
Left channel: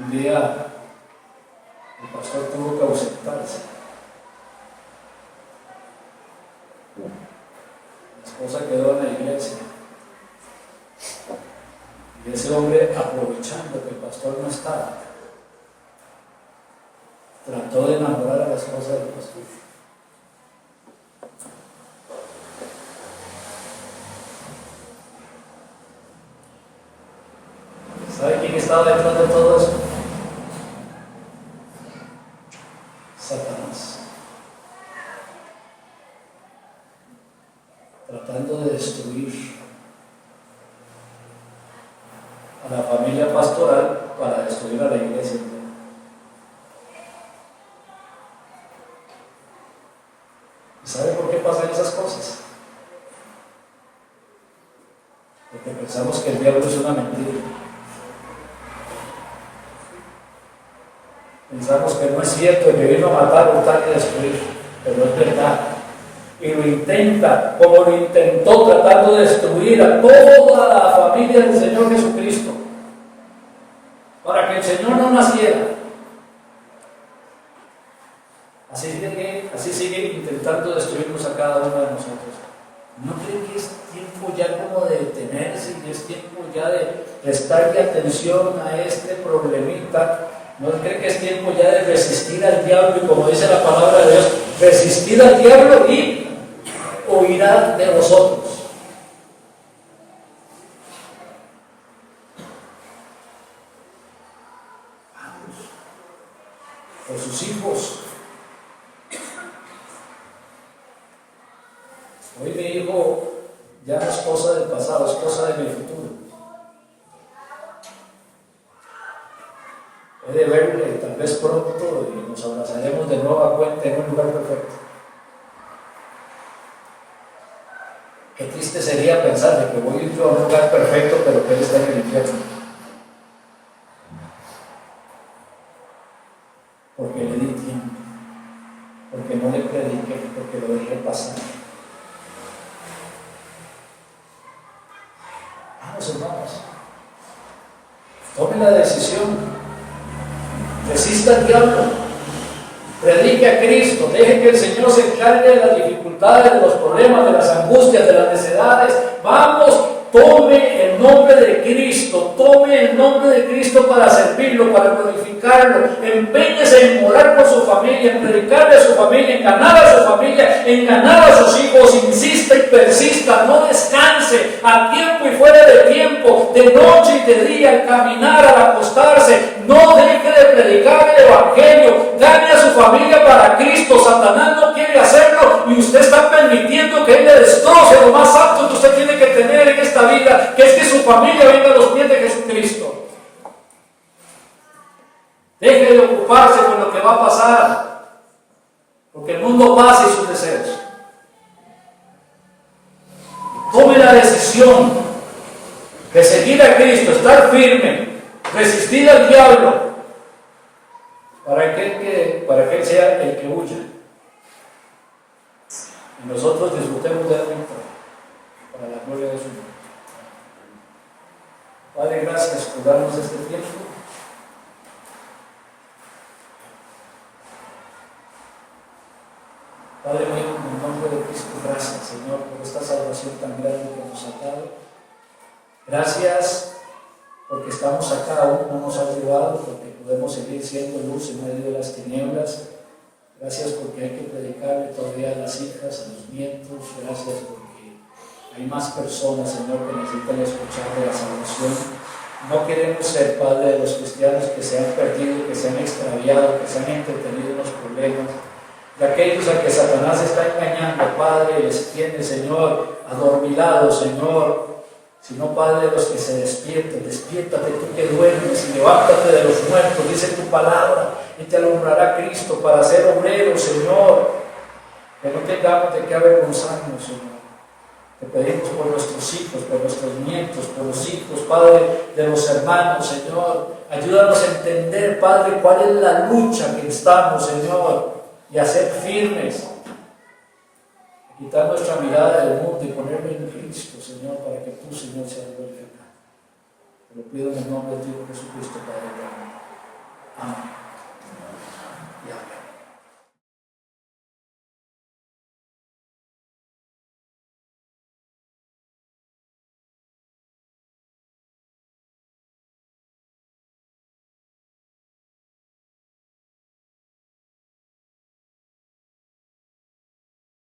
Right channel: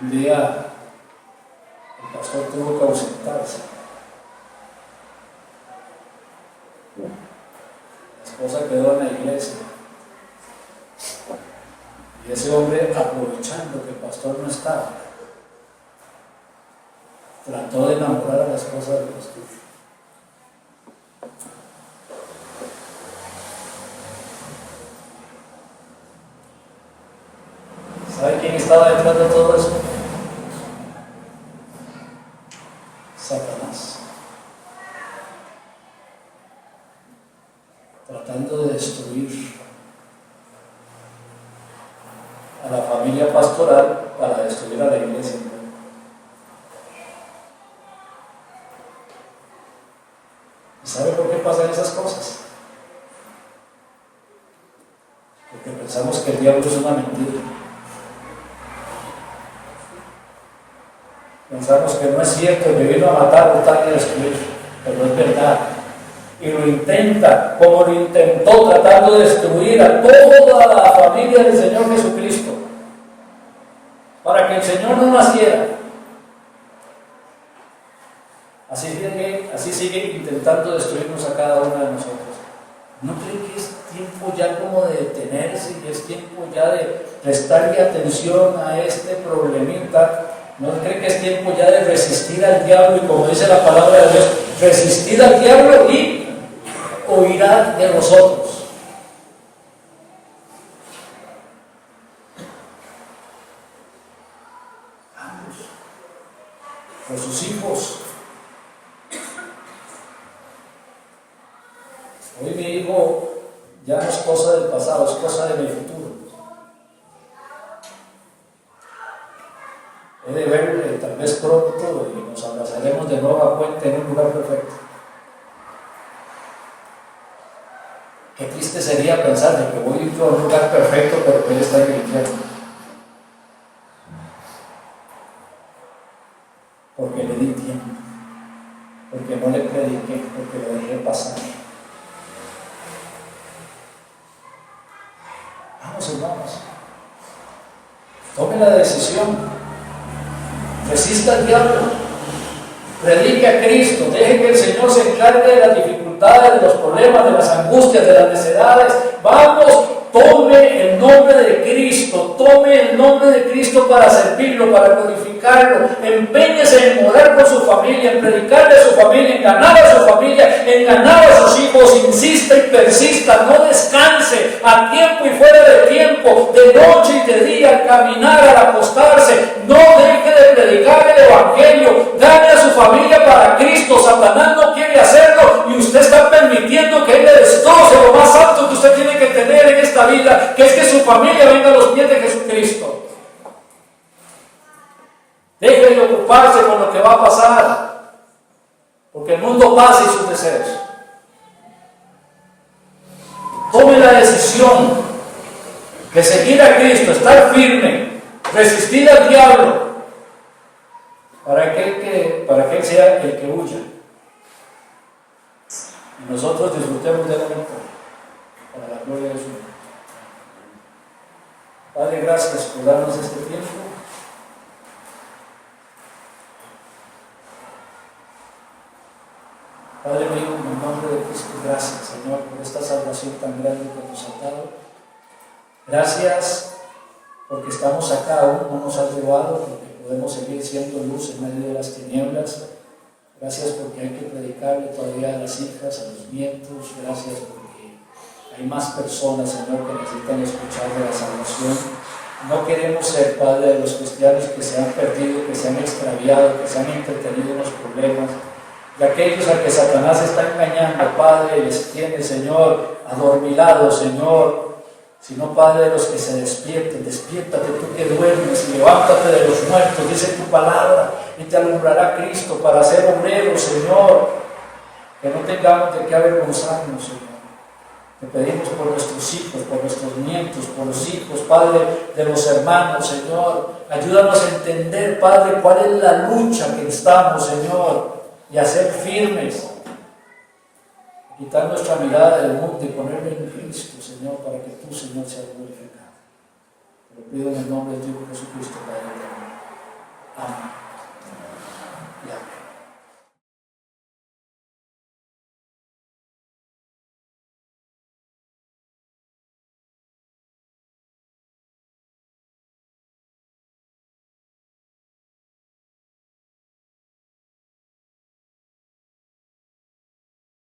Un día el pastor tuvo que ausentarse. La esposa quedó en la iglesia. Y ese hombre, aprovechando que el pastor no estaba, trató de enamorar a la esposa del pastor. ¿Sabe quién estaba detrás de todo eso? Satanás. Tratando de destruir a la familia pastoral para destruir a la iglesia. ¿Y sabe por qué pasan esas cosas? Porque pensamos que el diablo es una mentira. Pensamos que no es cierto, que vino a matar, matar y a destruir, pero es verdad. Y lo intenta, como lo intentó, tratando de destruir a toda la familia del Señor Jesucristo, para que el Señor no naciera. Así sigue intentando destruirnos a cada uno de nosotros. ¿No creen que es tiempo ya como de detenerse y es tiempo ya de prestarle atención a este problemita? ¿No creen que es tiempo ya de resistir al diablo? Y como dice la palabra de Dios, resistir al diablo y huirá de vosotros. Vamos por sus hijos. Hoy mi hijo ya no es cosa del pasado, es cosa de mi futuro. He de verle tal vez pronto y nos abrazaremos de nueva cuenta en un lugar perfecto. Qué triste sería pensar de que voy yo a un lugar perfecto, pero que él está en el infierno. Porque le di tiempo, porque no le prediqué, porque lo dejé pasar. Vamos, hermanos, tomen la decisión. Resista al diablo, predique a Cristo, deje que el Señor se encargue de las dificultades, de los problemas, de las angustias, de las necesidades. Vamos, tome el nombre de Cristo, tome el nombre de Cristo para servirlo, para glorificarlo. Empeñese en orar por su familia, en predicarle a su familia, en ganar a su familia, en ganar a sus hijos. Insista y persista, no descanse, a tiempo y fuera de tiempo, de noche y de día, al caminar, al acostarse. No deje de predicar el Evangelio, gane a su familia para Cristo. Satanás no quiere hacerlo y usted está permitiendo familia venga a los pies de Jesucristo. Deje de ocuparse con lo que va a pasar, porque el mundo pasa y sus deseos. Tome la decisión de seguir a Cristo, estar firme, resistir al diablo, para que Él sea el que huya. Y nosotros disfrutemos de la victoria, para la gloria de su nombre. Padre, gracias por darnos este tiempo. Padre mío, en el nombre de Cristo, gracias, Señor, por esta salvación tan grande que nos ha dado. Gracias porque estamos acá, aún no nos has llevado, porque podemos seguir siendo luz en medio de las tinieblas. Gracias porque hay que predicarle todavía a las hijas, a los nietos. Gracias porque hay más personas, Señor, que necesitan escuchar de la salvación. No queremos ser, Padre, de los cristianos que se han perdido, que se han extraviado, que se han entretenido en los problemas. De aquellos a que Satanás está engañando, Padre, les tiene, Señor, adormilados, Señor. Sino, Padre, de los que se despierten, despiértate tú que duermes y levántate de los muertos, dice tu palabra, y te alumbrará Cristo para ser obrero, Señor. Que no tengamos de qué avergonzarnos, Señor. Te pedimos por nuestros hijos, por nuestros nietos, por los hijos, Padre, de los hermanos, Señor. Ayúdanos a entender, Padre, cuál es la lucha que estamos, Señor, y a ser firmes. Quitar nuestra mirada del mundo y ponerla en Cristo, Señor, para que tú, Señor, seas glorificado. Te lo pido en el nombre de tu Hijo Jesucristo, Padre. Amén.